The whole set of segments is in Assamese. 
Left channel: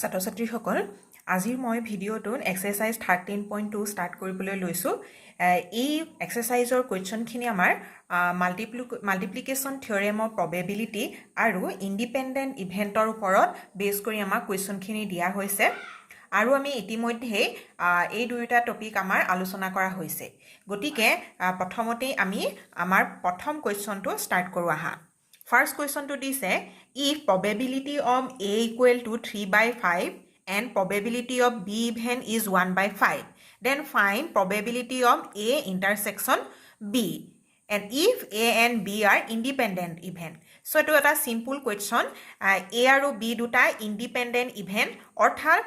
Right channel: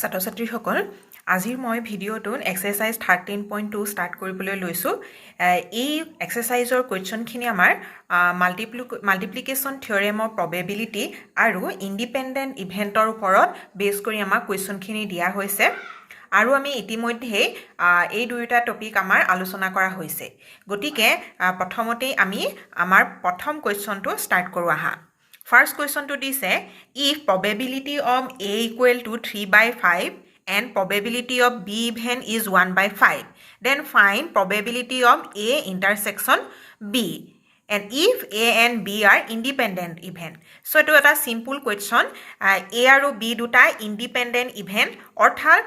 ছাত্ৰ ছাত্ৰীসকল আজিৰ মই ভিডিঅ'টোত এক্সাৰসাইজ 13.2 ষ্টাৰ্ট কৰিবলৈ লৈছোঁ এই এক্সাৰসাইজৰ কোৱেশ্চনখিনি আমাৰ মাল্টিপ্লিকেশ্যন থিওৰেমৰ প্ৰবেবিলিটি আৰু ইণ্ডিপেণ্ডেণ্ট ইভেণ্টৰ ওপৰত বেছ কৰি আমাক কোৱেশ্চনখিনি দিয়া হৈছে আৰু আমি ইতিমধ্যে এই দুয়োটা টপিক আমাৰ আলোচনা কৰা হৈছে গতিকে প্ৰথমতেই আমি আমাৰ প্ৰথম কোৱেশ্চনটো ষ্টাৰ্ট কৰোঁ আহা First question to this is, if probability of A equal to 3 by 5 and probability of B event is 1 by 5, then find probability of A intersection B. And if A and B are independent event. So, it is a simple question. A and B duta independent event. Orthar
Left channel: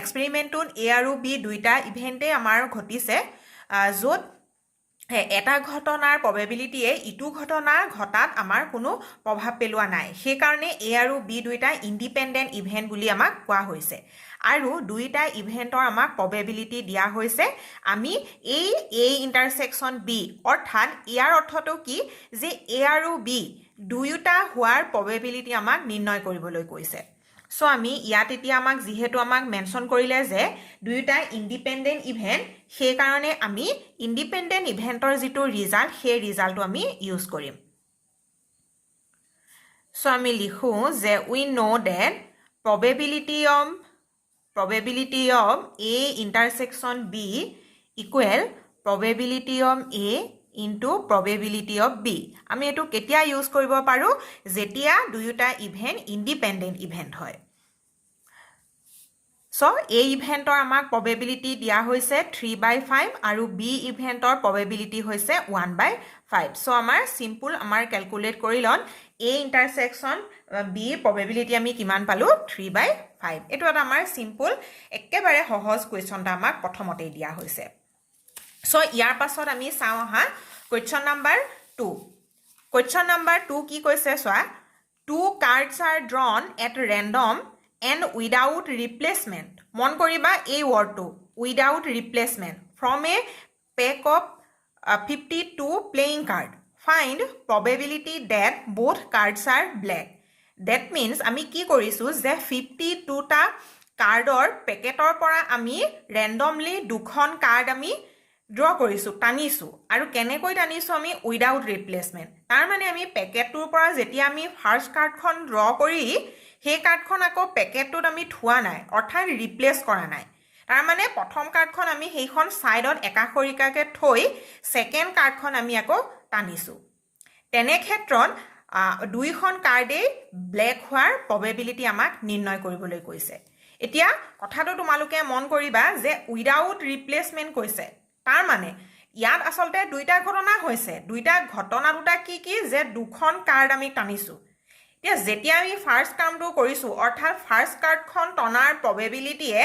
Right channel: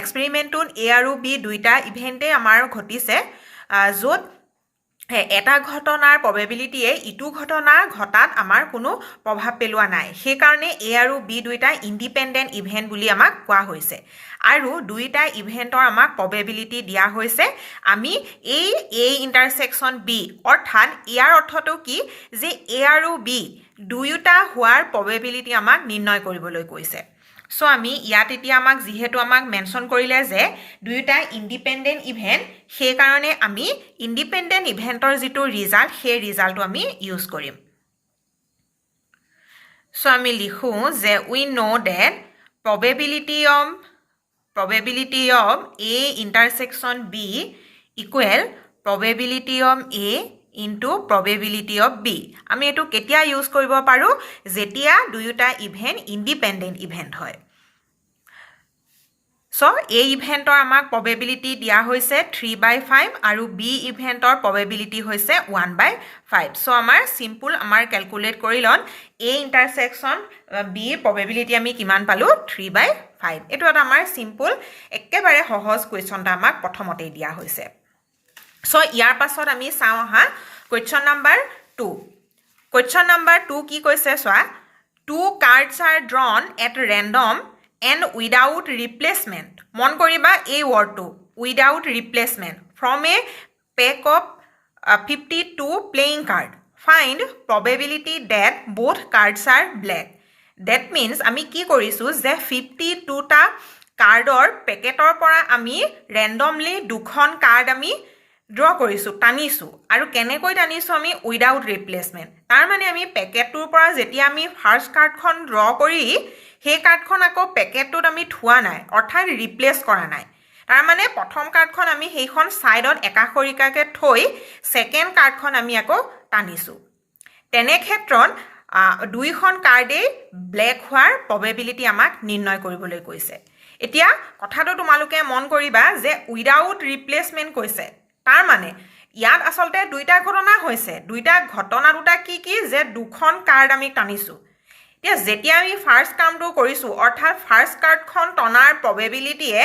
experiment on A and B duta event amar ghotise jod এটা ঘটনাৰ প্ৰবেবিলিটিয়ে ইটো ঘটনা ঘটাত আমাৰ কোনো প্ৰভাৱ পেলোৱা নাই সেই কাৰণে এ আৰু বি দুইটা ইণ্ডিপেণ্ডেণ্ট ইভেন্ট বুলি আমাক কোৱা হৈছে আৰু দুইটা ইভেন্টৰ আমাক প্ৰবেবিলিটি দিয়া হৈছে আমি এই এ ইন্টাৰসেকশন বি অৰ্থাৎ ইয়াৰ অৰ্থটো কি যে এ আৰু বি দুইটা হোৱাৰ প্ৰবেবিলিটি আমাক নিৰ্ণয় কৰিবলৈ কৈছে সো আমি ইয়াত এতিয়া আমাক যেহেতু আমাক মেনশন কৰিলে যে দুইটা ইণ্ডিপেণ্ডেণ্ট ইভেন্ট সেই কাৰণে আমি ইণ্ডিপেণ্ডেণ্ট ইভেন্টৰ যেটো ৰিজাল্ট সেই ৰিজাল্টটো আমি ইউজ কৰিম সো আমি লিখো যে we know that probability of A intersection B equal probability of A into probability of B আমি এটো কেতিয়া ইউজ কৰিব পাৰো যেতিয়া দুয়োটা ইভেন্ট ইণ্ডিপেণ্ডেণ্ট ইভেন্ট হয় সো A ইভেন্টৰ আমাক probability দিয়া হৈছে 3 by 5 আৰু B ইভেন্টৰ probability হৈছে 1 by 5 সো আমাৰ সিম্পল আমাৰ ক্যালকুলেট কৰি lawn A intersection B probability আমি কিমান পালো 3 by 5 এটো এটা আমাৰ সিম্পল একেবাৰে সহজ কোৱেশ্চনটা আমাক প্ৰথমতে দিয়া হৈছে সো ইয়াৰ পাছত আমি চাও হা Question number 2. Question number 2 কি কৈছে সোয়া 2 cards are drawn at random and without replacement. মন কৰিবা এই wordটো without replacement from a pack of 52 playing card. Find probability that both cards are black. That means আমি কি কৰিছো যে 52 টা কাৰ্ডৰ পেকেটৰ পৰা আমি randomly দুখন কাৰ্ড আমি draw কৰিছো টানিছো আৰু কেনেকৈ টানিছো আমি উইদাউট ৰিপ্লেসমেন্ট তাৰ মানে আমি পেকেটটোৰ পৰা যেতিয়া আমি ফাৰ্স্ট কাৰ্ডখন ড্ৰ কৰি সেই কাৰ্ডখন আকৌ পেকেটটোত আমি থোৱা নাই অৰ্থাৎ ৰিপ্লেস কৰা নাই তাৰ মানে প্ৰথম কাৰ্ডখন আমি সেইখন সাইডত একাখৰিকাকে থৈ সেকেন্ড কাৰ্ডখন আমি আকৌ টানিছো তেনে ক্ষেত্ৰত দুইখন কাৰ্ডে ব্ল্যাক হোৱাৰ প্ৰবেবিলিটি আমাক নিৰ্ণয় কৰিবলৈ কৈছে এতিয়া কথাটো তোমালোকে মন কৰিবা যে উইদাউট ৰিপ্লেসমেন্ট কৈছে তাৰ মানে ইয়াত আসলতে দুইটা ঘটনা হৈছে দুইটা ঘটনা দুটা কি কি যে দুখন কাৰ্ড আমি টানিছো এতিয়া যেতিয়া আমি ফাৰ্স্ট কামটো কৰিছো অৰ্থাৎ ফাৰ্স্ট কাৰ্ডখন টনাৰ প্ৰবেবিলিটিয়ে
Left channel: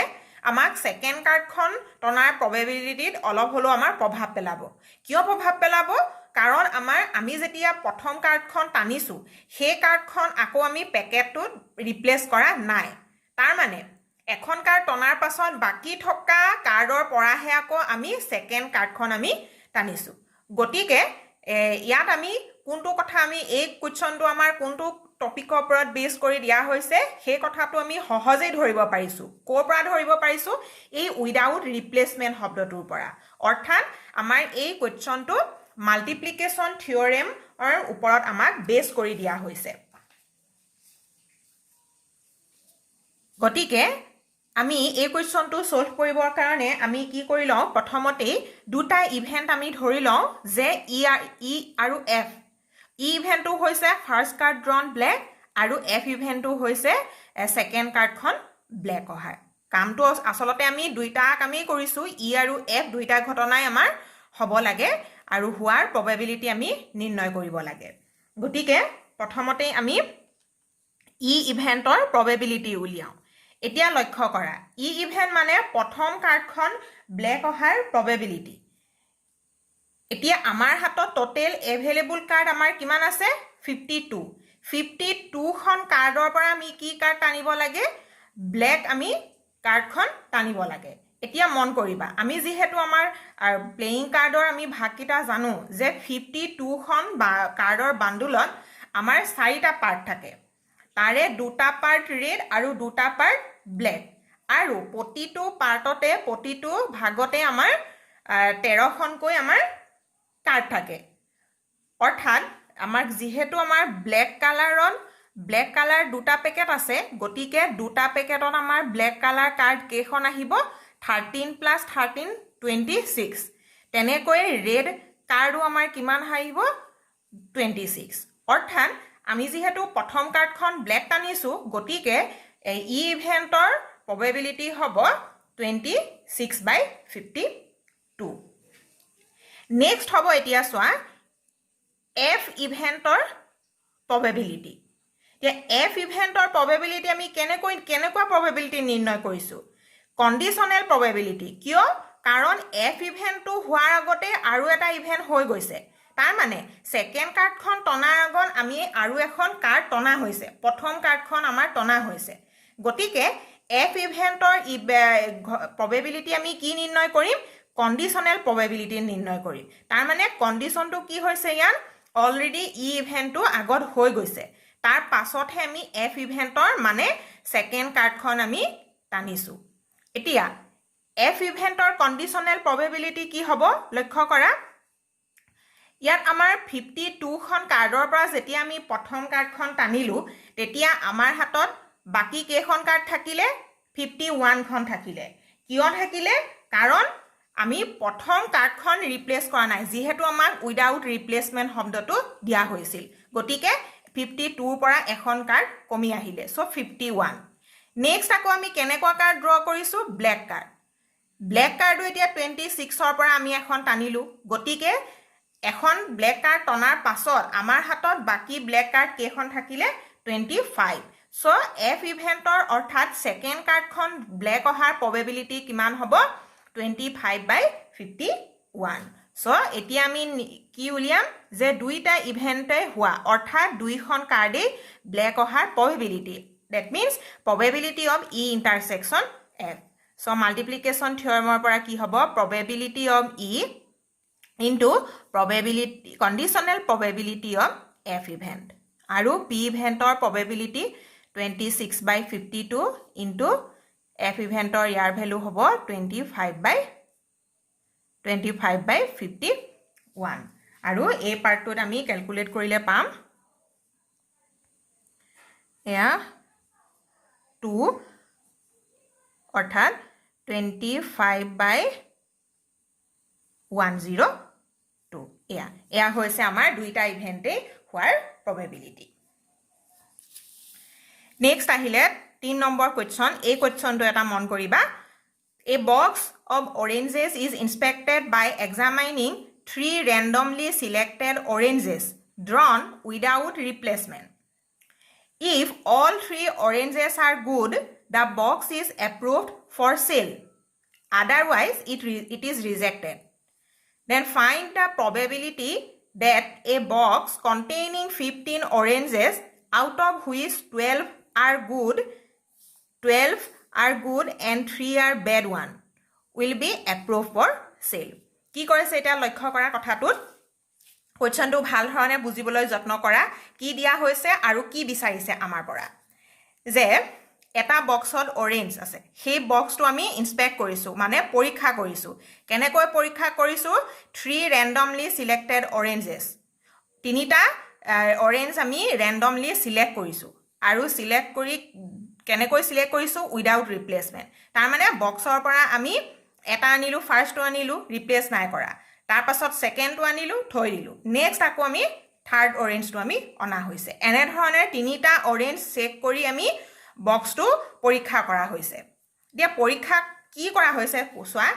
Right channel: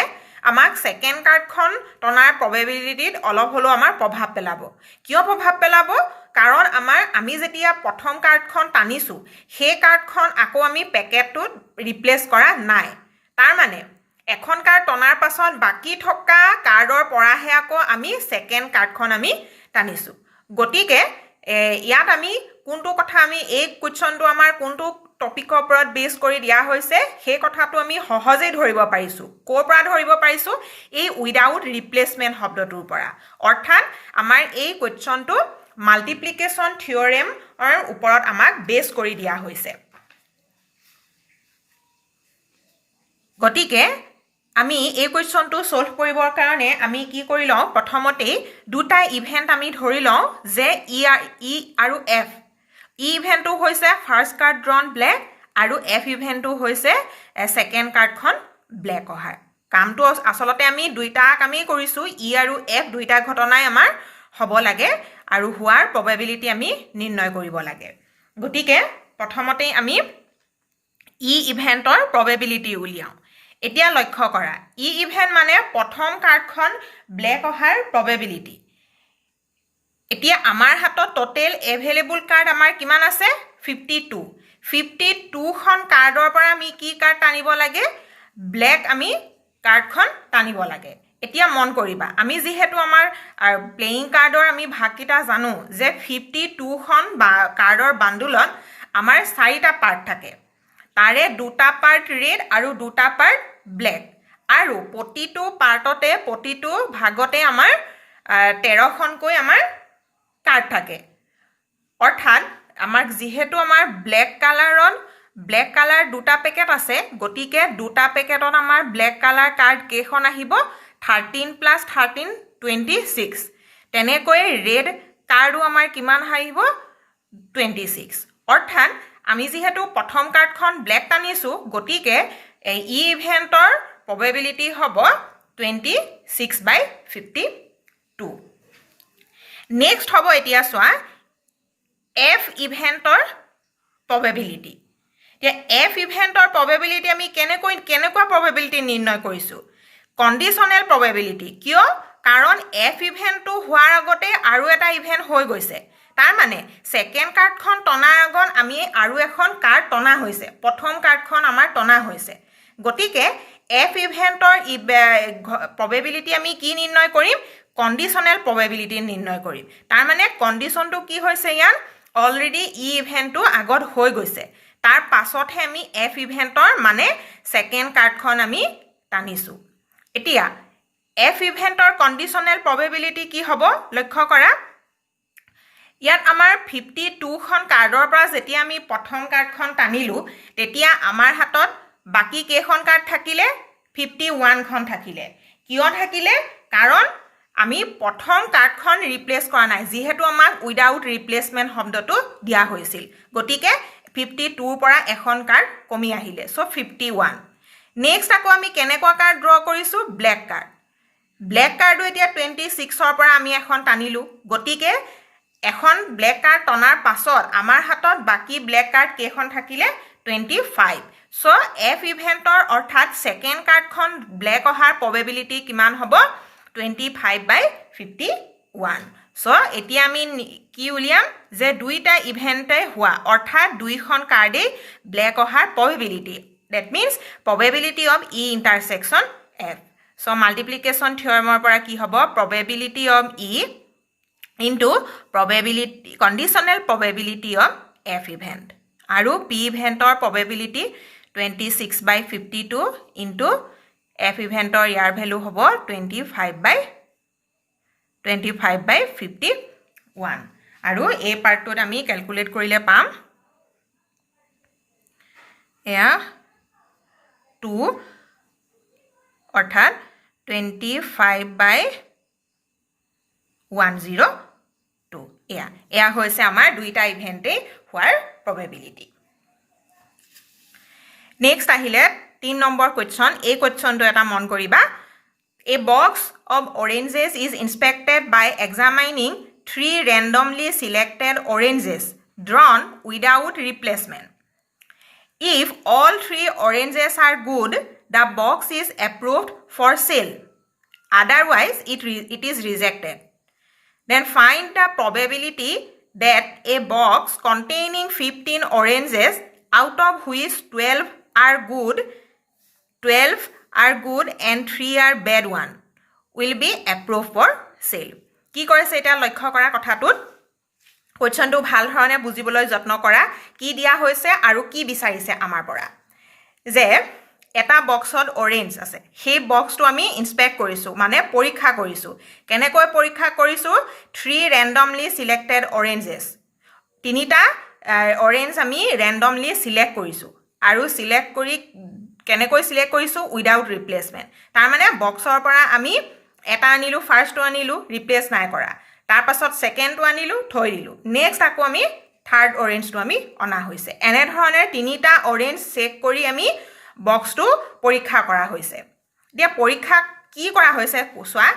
আমাক সেকেন্ড কাৰ্ডখন টনাৰ প্ৰবেবিলিটিত অলপ হলো আমাৰ প্ৰভাৱ পেলাব কিয় প্ৰভাৱ পেলাব কাৰণ আমি যেতিয়া প্ৰথম কাৰ্ডখন টানিছো সেই কাৰ্ডখন আকৌ আমি পেকেটটোত ৰিপ্লেস কৰা নাই তাৰ মানে এখন কাৰ্ড টনাৰ পাছত বাকি থকা কাৰ্ডৰ পৰাহে আকৌ আমি সেকেন্ড কাৰ্ডখন আমি টানিছো গটিকে ইয়াত আমি কোনটো কথা আমি এই কোৱেশ্চনটো আমাৰ কোনটো টপিকৰ ওপৰত বেছ কৰি দিয়া হৈছে সেই কথাটো আমি সহজেই ধৰিব পাৰিছো কোৰ পৰা ধৰিব পাৰিছো এই উইদাউট ৰিপ্লেসমেন্ট শব্দটোৰ পৰা অৰ্থাৎ আমাৰ এই কোৱেশ্চনটো মাল্টিপ্লিকেশ্যন থিওৰেমৰ ওপৰত আমাক বেছ কৰি দিয়া হৈছে গটিকে আমি এই কোৱেশ্চনটো সলভ কৰিবৰ কাৰণে আমি কি কৰি লওঁ প্ৰথমতে দুটা ইভেন্ট আমি ধৰি লওঁ যে ই আৰু এফ ই ইভেন্টটো হৈছে ফাৰ্স্ট কাৰ্ড ড্ৰন ব্ল্যাক আৰু এফ ইভেন্টটো হৈছে সেকেন্ড কাৰ্ডখন ব্ল্যাক হয় কামটো আসলতে আমি দুইটাক আমি কৰিছো ই আৰু এফ দুইটা ঘটনাই আমাৰ হ'ব লাগে আৰু হোৱাৰ প্ৰবেবিলিটি আমি নিৰ্ণয় কৰিব লাগে গটিকে প্ৰথমতে আমি ই ইভেন্টৰ প্ৰবেবিলিটি উলিয়াও এতিয়া লক্ষ্য কৰা ই ইভেন্ট মানে প্ৰথম কাৰ্ডখন ব্ল্যাক অহাৰ প্ৰবেবিলিটি এতিয়া আমাৰ হাতত টোটেল এভেইলেবল কাৰ্ড আমাৰ কিমান আছে 52 খন কাৰ্ডৰ পৰা আমি কি কাৰ্ড টানিব লাগে ব্ল্যাক আমি কাৰ্ডখন টানিব লাগে এতিয়া মন কৰিবা আমি যেহেতু আমাৰ প্লেইং কাৰ্ডৰ আমি ভাগকিটা জানো যে 52 খন কাৰ্ডৰ বান্ডুলত আমাৰ 4টা পাৰ্ট থাকে তাৰে দুটা পাৰ্ট ৰেড আৰু দুটা পাৰ্ট ব্লেক আৰু প্ৰতিটো পাৰ্টতে প্ৰতিটো ভাগতে আমাৰ 13খনকৈ আমাৰ কাৰ্ড থাকে অৰ্থাৎ আমাৰ যিহেতু আমাৰ ব্লেক কালাৰ দুটা পেকেট আছে গতিকে দুটা পেকেটত আমাৰ ব্লেক কালাৰ কাৰ্ড কেইখন আহিব 13 + 13 26 তেনেকৈ ৰেড কাৰ্ডো আমাৰ কিমান আহিব 26 অৰ্থাৎ আমি যেহেতু প্ৰথম কাৰ্ডখন ব্লেক টানিছো গতিকে এই ইভেন্টৰ probability হ'ব 26/52 নেক্সট হ'ব এতিয়া চোৱা F ইভেন্টৰ probability এতিয়া F ইভেন্টৰ probability আমি কেনেকুৱা probability নিৰ্ণয় কৰিছো কন্ডিশনাল probability কিয় কাৰণ F ইভেন্টটো হোৱাৰ আগতে আৰু এটা ইভেন্ট হৈ গৈছে তাৰ মানে সেকেন্ড কাৰ্ডখন টনাৰ আগত আমি আৰু এখন কাৰ্ড টনা হৈছে প্ৰথম কাৰ্ডখন আমাৰ টনা হৈছে গতিকে F ইভেন্টৰ probability আমি কি নিৰ্ণয় কৰিম কন্ডিশনাল probability নিৰ্ণয় কৰিম তাৰ মানে কন্ডিশনটো কি হৈছে ইয়াত অলৰেডি ইভেন্টটো আগত হৈ গৈছে তাৰ পাছতহে আমি F ইভেন্টৰ মানে সেকেন্ড কাৰ্ডখন আমি টানিছো এতিয়া F ইভেন্টৰ কন্ডিশনাল probability কি হ'ব লক্ষ্য কৰা ইয়াত আমাৰ 52 খন কাৰ্ডৰ পৰা যেতিয়া আমি প্ৰথম কাৰ্ডখন টানিলো তেতিয়া আমাৰ হাতত বাকি কেইখন কাৰ্ড থাকিলে 51 খন থাকিলে কিয় থাকিলে কাৰণ আমি প্ৰথম কাৰ্ডখন ৰিপ্লেস কৰা নাই যেহেতু আমাক উইদাউট ৰিপ্লেসমেন্ট শব্দটো দিয়া হৈছিল গতিকে 52 পৰা এখন কাৰ্ড কমি আহিলে সো 51 নেক্সট আকৌ আমি কেনেকুৱা কাৰ্ড ড্ৰ কৰিছো ব্লেক কাৰ্ডো এতিয়া 26 ৰ পৰা আমি এখন টানিলো গতিকে এখন ব্লেক কাৰ্ড টনাৰ পাছত আমাৰ হাতত বাকি ব্লেক কাৰ্ড কেইখন থাকিলে 25 সো F ইভেন্টৰ অৰ্থাৎ সেকেন্ড কাৰ্ডখন ব্লেক অহাৰ probability কিমান হ'ব 25/51 সো এতিয়া আমি কি উলিয়াম যে দুইটা ইভেন্টে হোৱা অৰ্থাৎ দুইখন কাৰ্ডে ব্লেক অহাৰ probability that means probability of E intersection F so multiplication theoremৰ পৰা কি হ'ব probability of E into probability conditional probability of F event আৰু P eventor probability 26/52 into F eventor ইয়াৰ value হ'ব 25/51 আৰু এই পাৰ্টটোত আমি ক্যালকুলেট কৰিলে পাম এয়া 2 অৰ্থাৎ 25/102 এয়া হৈছে আমাৰ দুইটা ইভেন্টে হোৱাৰ probability নেক্সট আহিলে 3 নম্বৰ কোৱেশ্চন এই কোৱেশ্চনটো এটা মন কৰিবা A box of oranges is inspected by examining 3 randomly selected oranges drawn without replacement. If all 3 oranges are good, the box is approved for sale. Otherwise, it is rejected. Then find the probability that a box containing 15 oranges, out of which 12 are good and 3 are bad one, will be approved for sale. কি কৰিছে এটা লক্ষ্য কৰা কথাটোত কোৱেশ্চনটো ভাল ধৰণে বুজিবলৈ যত্ন কৰা কি দিয়া হৈছে আৰু কি বিচাৰিছে আমাৰ পৰা যে এটা বক্সত অৰেঞ্জ আছে সেই বক্সটো আমি ইনস্পেক্ট কৰিছো মানে পৰীক্ষা কৰিছো কেনেকৈ পৰীক্ষা কৰিছো 3 randomly selected oranges তিনিটা অৰেঞ্জ আমি randomly select কৰিছো আৰু select কৰি কেনেকৈ সিলেক্ট কৰিছো উইদাউট ৰিপ্লেসমেন্ট তাৰ মানে বক্সৰ পৰা আমি এটা আনিলো ফাৰ্স্টটো আনিলো ৰিপ্লেস নাই কৰা তাৰ পাছত সেকেন্ডটো আনিলো থৈ দিলো নেক্সট আকৌ আমি থাৰ্ড অৰেঞ্জটো আমি অনা হৈছে এনে ধৰণে তিনিটা অৰেঞ্জ চেক কৰি আমি বক্সটো পৰীক্ষা কৰা হৈছে দিয়া পৰীক্ষা কি কৰা হৈছে কোৱা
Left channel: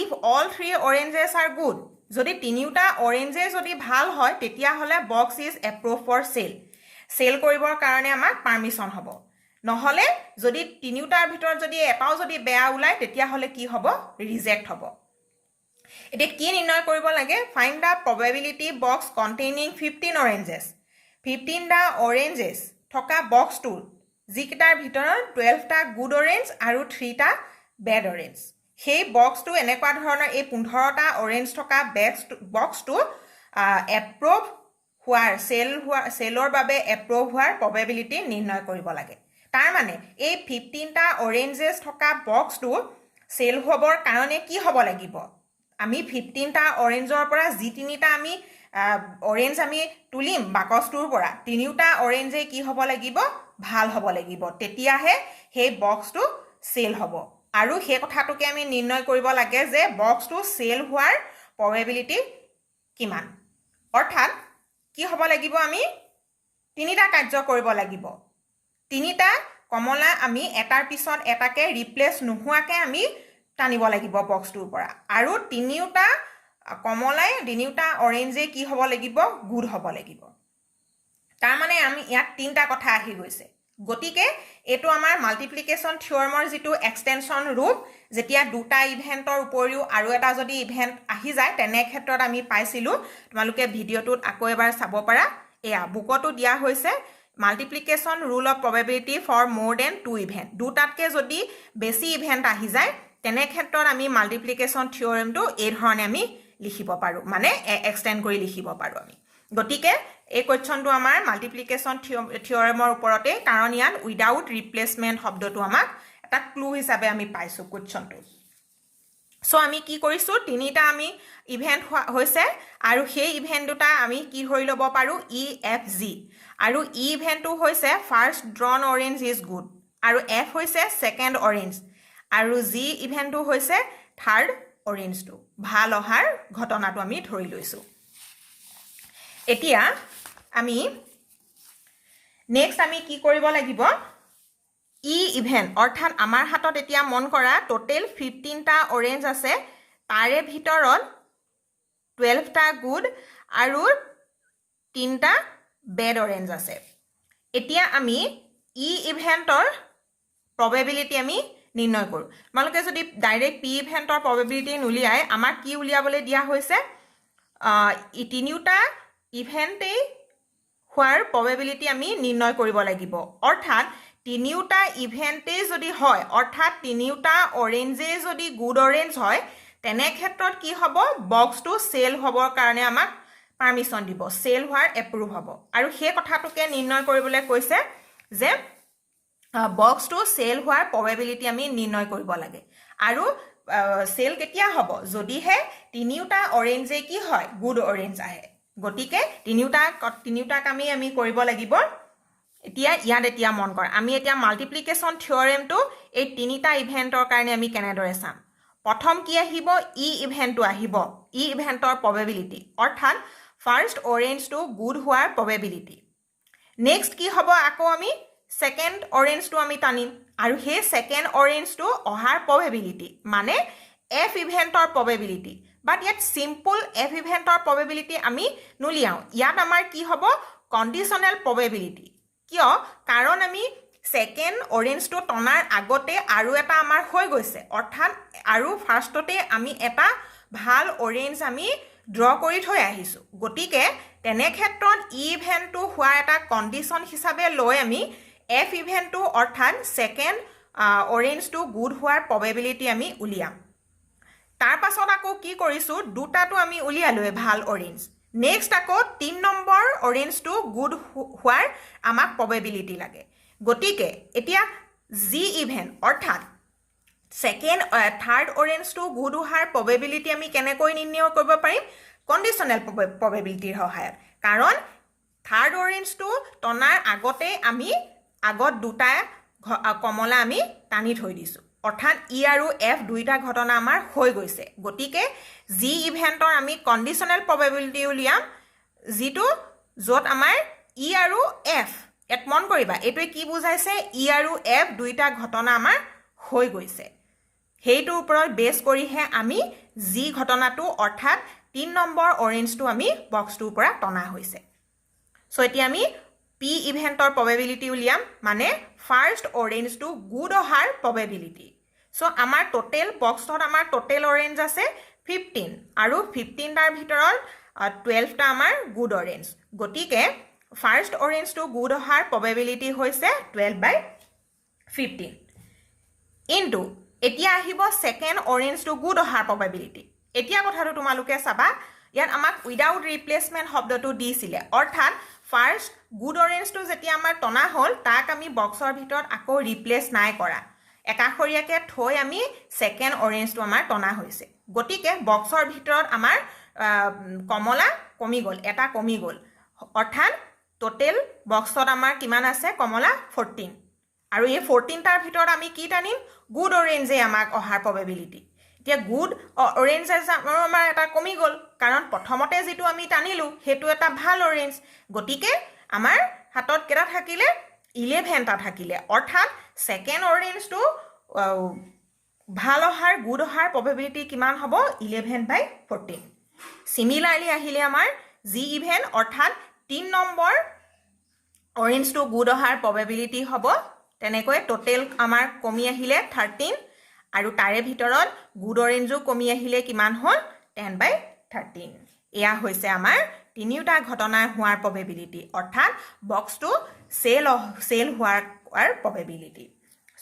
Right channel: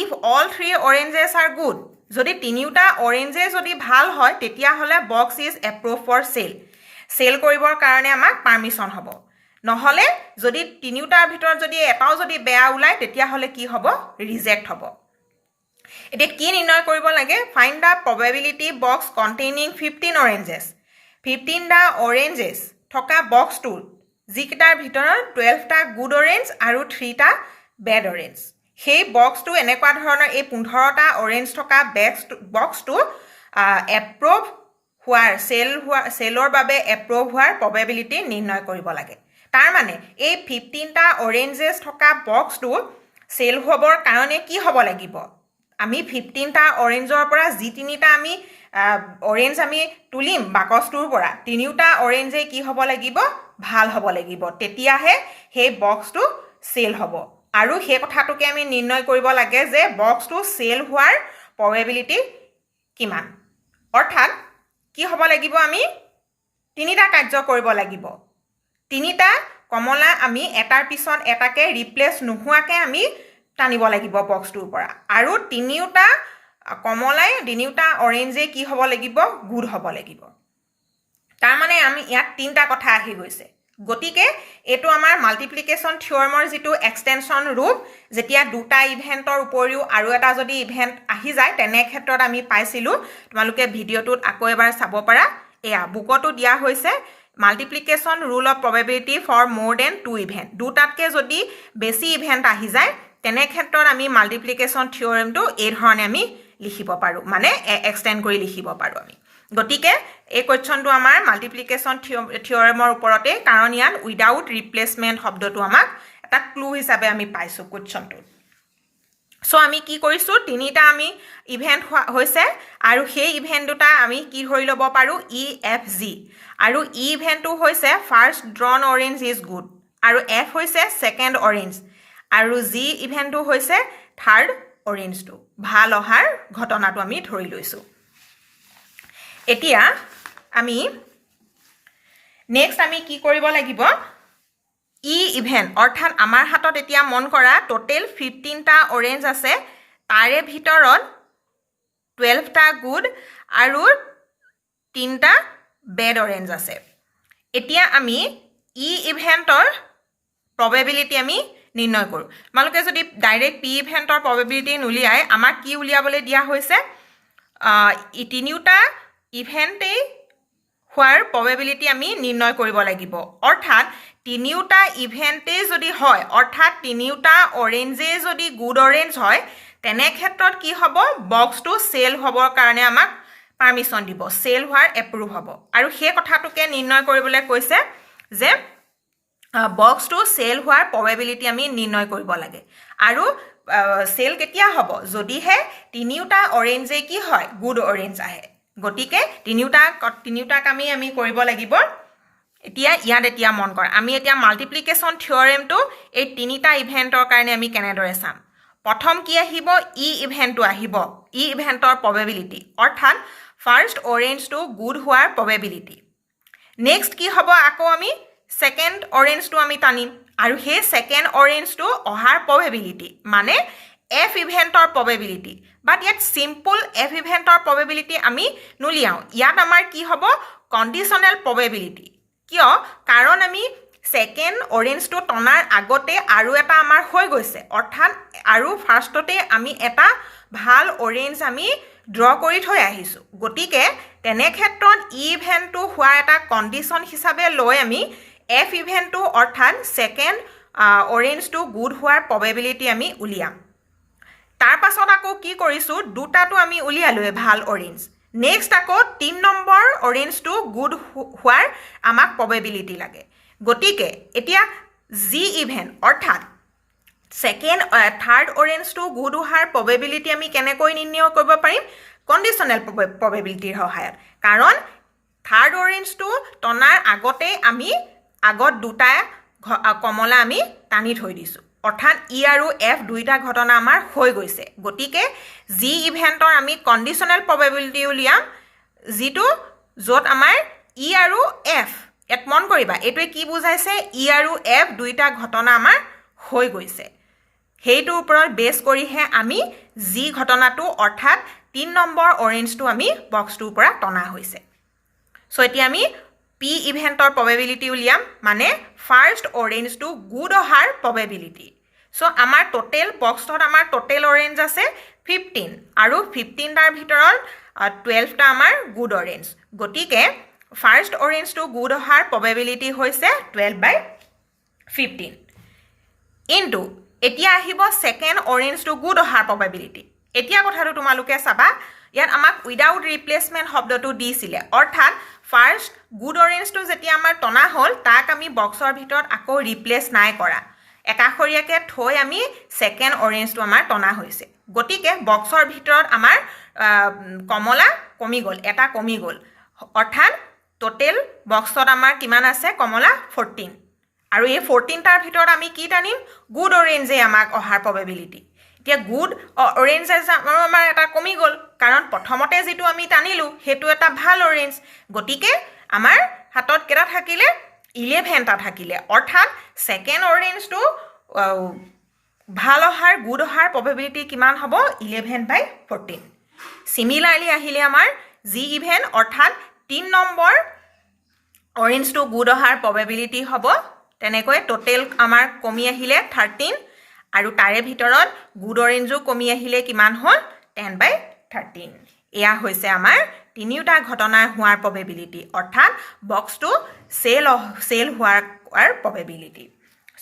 if all 3 oranges are good যদি তিনিটা অৰেঞ্জে যদি ভাল হয় তেতিয়া হলে box is approved for sale sale কৰিবৰ কাৰণে আমাক পাৰমিশন হ'ব নহলে যদি তিনিটাৰ ভিতৰত যদি এটাও যদি বেয়া ওলাই তেতিয়া হলে কি হ'ব ৰিজেক্ট হ'ব এটা কি নিৰ্ণয় কৰিব লাগে ফাইন্ড দা probability box containing 15 oranges 15 টা oranges থকা বক্সটো যিকেটাৰ ভিতৰত 12 টা গুড অৰেঞ্জ আৰু 3 টা বেড অৰেঞ্জ সেই বক্সটো এনেকুৱা ধৰণৰ এই 15 টা অৰেঞ্জ থকা বক্সটো এপ্ৰুভ হোৱাৰ চেলৰ বাবে এপ্ৰুভ হোৱাৰ প্ৰবেবিলিটি নিৰ্ণয় কৰিব লাগে তাৰ মানে এই 15টা অৰেঞ্জেছ থকা বক্সটো চেল হ'বৰ কাৰণে কি হ'ব লাগিব আমি 15টা অৰেঞ্জৰ পৰা যি তিনিটা আমি অৰেঞ্জ আমি তুলিম বাকচটোৰ পৰা তিনিটা অৰেঞ্জে কি হ'ব লাগিব ভাল হ'ব লাগিব তেতিয়াহে সেই বক্সটো চেল হ'ব আৰু সেই কথাটোকে আমি নিৰ্ণয় কৰিব লাগে যে বক্সটো চেল হোৱাৰ প্ৰবেবিলিটি কিমান অৰ্থাৎ কি হ'ব লাগিব আমি তিনিটা কাৰ্য কৰিব লাগিব তিনিটা কমলা আমি এটাৰ পিছত এটাকে ৰিপ্লেস নোহোৱাকে আমি টানিব লাগিব বক্সটোৰ পৰা আৰু তিনিটা কমলাই তিনিটা অৰেঞ্জে কি হ'ব লাগিব গুড হ'ব লাগিব তাৰ মানে আমি ইয়াত তিনিটা কথা আহি গৈছে গতিকে এটো আমাৰ মাল্টিপ্লিকেশন থিওৰেমৰ যেটো এক্সটেনশন ৰূপ যেতিয়া দুটা ইভেন্টৰ উপৰিও আৰু এটা যদি ইভেন্ট আহি যায় তেনে ক্ষেত্ৰত আমি পাইছিলো তোমালোকে ভিডিওটোত আকৌ এবাৰ চাব পাৰা এয়া বুকটো দিয়া হৈছে multiplication rule of probability for more than 2 event দুটাতকে যদি বেছি ইভেন্ট আহি যায় তেনে ক্ষেত্ৰত আমি মাল্টিপ্লিকেশন থিওৰেমটো এই ধৰণে আমি লিখিব পাৰো মানে এক্সটেন্ড কৰি লিখিব পাৰো আমি গতিকে এই কোৱেশ্চনটো আমাৰ মাল্টিপ্লিকেশন থিওৰেমৰ ওপৰতে কাৰণ ইয়াত উইদাউট ৰিপ্লেসমেন্ট শব্দটো আমাক এটা ক্লু হিচাপে আমি পাইছো কোৱেশ্চনটো সো আমি কি কৰিছো তিনিটা আমি ইভেন্ট হৈছে আৰু সেই ইভেন্ট দুটা আমি কি ধৰি লব পাৰো ই এফ জি আৰু ই ইভেন্টটো হৈছে first drawn orange is good আৰু এফ হৈছে সেকেন্ড অৰেঞ্জ আৰু জি ইভেন্টটো হৈছে থাৰ্ড অৰেঞ্জটো ভাল অহাৰ ঘটনাটো আমি ধৰি লৈছো এতিয়া আমি নেক্সট আমি কি কৰিব লাগিব ই ইভেন্ট অৰ্থাৎ আমাৰ হাতত এতিয়া মন কৰা টোটেল 15টা অৰেঞ্জ আছে তাৰে ভিতৰত 12টা গুড আৰু 3টা বেড অৰেঞ্জ আছে এতিয়া আমি ই ইভেন্টৰ প্ৰবেবিলিটি আমি নিৰ্ণয় কৰো মালকে যদি ডাইৰেক্ট পি ইভেন্টৰ প্ৰবেবিলিটি নুলিয়াই আমাক কি উলিয়াবলৈ দিয়া হৈছে ই তিনিটা ইভেন্টে হোৱাৰ প্ৰবেবিলিটি আমি নিৰ্ণয় কৰিব লাগিব অৰ্থাৎ তিনিটা ইভেন্টে যদি হয় অৰ্থাৎ তিনিটা অৰেঞ্জে যদি গুড অৰেঞ্জ হয় তেনে ক্ষেত্ৰত কি হ'ব বক্সটো সেল হ'বৰ কাৰণে আমাক পাৰমিশন দিব সেল হোৱাৰ এপ্ৰুভ হ'ব আৰু সেই কথাটোকে নিৰ্ণয় কৰিবলৈ কৈছে যে বক্সটো সেল হোৱাৰ প্ৰবেবিলিটি আমি নিৰ্ণয় কৰিব লাগে আৰু সেল কেতিয়া হ'ব যদিহে তিনিটা অৰেঞ্জে কি হয় গুড অৰেঞ্জ আহে গতিকে তিনিটাক আমি কৰিব লাগিব এতিয়া মন কৰ আমি এতিয়া মাল্টিপ্লিকেশন থিওৰেমটো এই তিনিটা ইভেন্টৰ কাৰণে আমি কেনেদৰে চাম প্ৰথম কি আহিব ই ইভেন্টটো আহিব ই ইভেন্টৰ প্ৰবেবিলিটি অৰ্থাৎ ফাৰ্স্ট অৰেঞ্জটো গুড হোৱাৰ প্ৰবেবিলিটি নেক্সট কি হ'ব আকৌ আমি সেকেন্ড অৰেঞ্জটো আমি টানিম আৰু সেই সেকেন্ড অৰেঞ্জটো অহাৰ প্ৰবেবিলিটি মানে এফ ইভেন্টৰ প্ৰবেবিলিটি বাট ইয়াত সিম্পল এফ ইভেন্টৰ প্ৰবেবিলিটি আমি নুলিয়াও ইয়াত আমাৰ কি হ'ব কণ্ডিশনেল প্ৰবেবিলিটি কিয় কাৰণ আমি সেকেন্ড অৰেঞ্জটো টনাৰ আগতে আৰু এটা আমাৰ হৈ গৈছে অৰ্থাৎ আৰু ফাৰ্ষ্টতে আমি এটা ভাল অৰেঞ্জ আমি ড্ৰ কৰি থৈ আহিছো গতিকে তেনে ক্ষেত্ৰত ই ইভেন্টটো হোৱা এটা কণ্ডিশন হিচাপে লৈ আমি এফ ইভেন্টটো অৰ্থাৎ সেকেন্ড অৰেঞ্জটো গুড হোৱাৰ প্ৰবেবিলিটি আমি উলিয়াম তাৰ পাছত আকৌ কি কৰিছো দুটাটো আমি উলিয়ালৈ ভাল অৰেঞ্জ নেক্সট আকৌ 3 নম্বৰ অৰেঞ্জটো গুড হোৱাৰ আমাক প্ৰবেবিলিটি লাগে গতিকে এতিয়া জি ইভেন্ট অৰ্থাৎ সেকেন্ড থাৰ্ড অৰেঞ্জটো গুড হোৱাৰ প্ৰবেবিলিটি আমি কেনেকৈ নিৰ্ণয় কৰিব পাৰিম কণ্ডিশনেল প্ৰবেবিলিটিৰ সহায়ত কাৰণ থাৰ্ড অৰেঞ্জটো টনাৰ আগতে আমি আগত দুটা কমলা আমি টানি থৈ দিছো অৰ্থাৎ ই আৰু এফ দুইটা ঘটনা আমাৰ হৈ গৈছে গতিকে জি ইভেন্টৰ আমি কণ্ডিশনেল প্ৰবেবিলিটি উলিয়াম যেটো যত আমাৰ ই আৰু এফ এক মন কৰিবা এটোৱে কি বুজাইছে ই আৰু এফ দুইটা ঘটনা আমাৰ হৈ গৈছে হেইটোৰ ওপৰত বেছ কৰিহে আমি জি ঘটনাটো অৰ্থাৎ 3 নম্বৰ অৰেঞ্জটো আমি বক্সটোৰ পৰা টনা হৈছে সো এতিয়া আমি পি ইভেন্টৰ প্ৰবেবিলিটি উলিয়াম মানে ফাৰ্স্ট অৰেঞ্জটো গুড অহাৰ প্ৰবেবিলিটি সো আমাৰ টোটেল বক্সত আমাৰ টোটেল অৰেঞ্জ আছে 15 আৰু 15 টাৰ ভিতৰত 12 টা আমাৰ গুড অৰেঞ্জ গতিকে ফাৰ্স্ট অৰেঞ্জটো গুড অহাৰ প্ৰবেবিলিটি হৈছে 12/15 ইনটু এতিয়া আহিব সেকেন্ড অৰেঞ্জটো গুড অহাৰ প্ৰবেবিলিটি এতিয়া কথাটো তোমালোকে চাবা ইয়াত আমাক উইদাউট ৰিপ্লেচমেণ্ট শব্দটো দিছিলে অৰ্থাৎ ফাৰ্ষ্ট গুড অৰেঞ্জটো যেতিয়া আমাৰ টনা হ'ল তাক আমি বক্সৰ ভিতৰত আকৌ ৰিপ্লেচ নাই কৰা একাষৰীয়াকৈ থৈ আমি ছেকেণ্ড অৰেঞ্জটো আমাৰ টনা হৈছে গতিকে বক্সৰ ভিতৰত আমাৰ কমলা কমি গ'ল এটা কমি গ'ল অৰ্থাৎ টোটেল বক্সত আমাৰ কিমান আছে কমলা 14 আৰু এই 14টাৰ ভিতৰত আমি কি টানিম গুড অৰেঞ্জে আমাক অহাৰ প্ৰবেবিলিটি এতিয়া গুড অৰেঞ্জ আমাৰ এটা কমি গ'ল কাৰণ প্ৰথমতে যিটো আমি টানিলোঁ সেইটো এটা ভাল অৰেঞ্জ গতিকে আমাৰ হাতত কেইটা থাকিলে 11টা থাকিলে অৰ্থাৎ ছেকেণ্ড অৰেঞ্জটো ভাল অহাৰ গুড অহাৰ প্ৰবেবিলিটি কিমান হ'ব 11/14 সিমিলাৰলি আহিলে আমাৰ জি ইভেন অৰ্থাৎ 3 নম্বৰ অৰেঞ্জটো গুড অহাৰ প্ৰবেবিলিটি হ'ব তেনেকৈ টোটেল আমাৰ কমি আহিলে 13 আৰু তাৰে ভিতৰত গুড অৰেঞ্জো কমি আহিলে কিমান হ'ল 10/13 এয়া হৈছে আমাৰ তিনিটা ঘটনাৰ হোৱাৰ প্ৰবেবিলিটি অৰ্থাৎ বক্সটো সেল হোৱাৰ প্ৰবেবিলিটি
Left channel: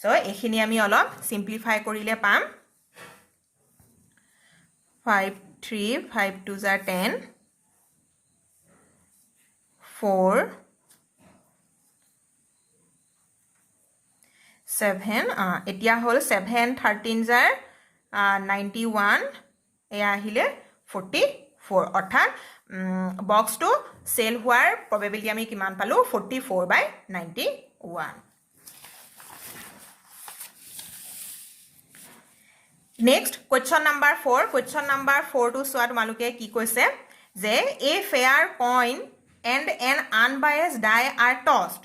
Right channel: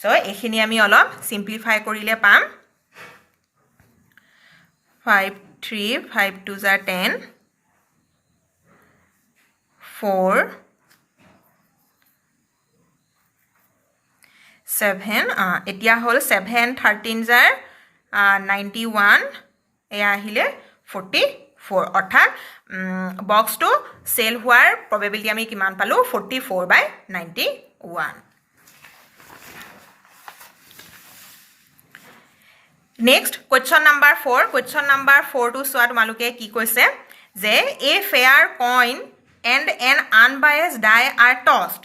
সো এইখিনি আমি অলপ সিম্পলিফাই কৰিলে পাম 5 3 5 2 10 4 7 এতিয়া হ'ল 7 13 জাৰ 91 এয়া আহিলে 44 অৰ্থাৎ বক্সটো সেল হোৱাৰ প্ৰবেবিলিটি আমি কিমান পালোঁ 44/91 next question number 4 question number 4 টো চোৱা তোমালোকে কি কৈছে যে a fair coin and an unbiased die are tossed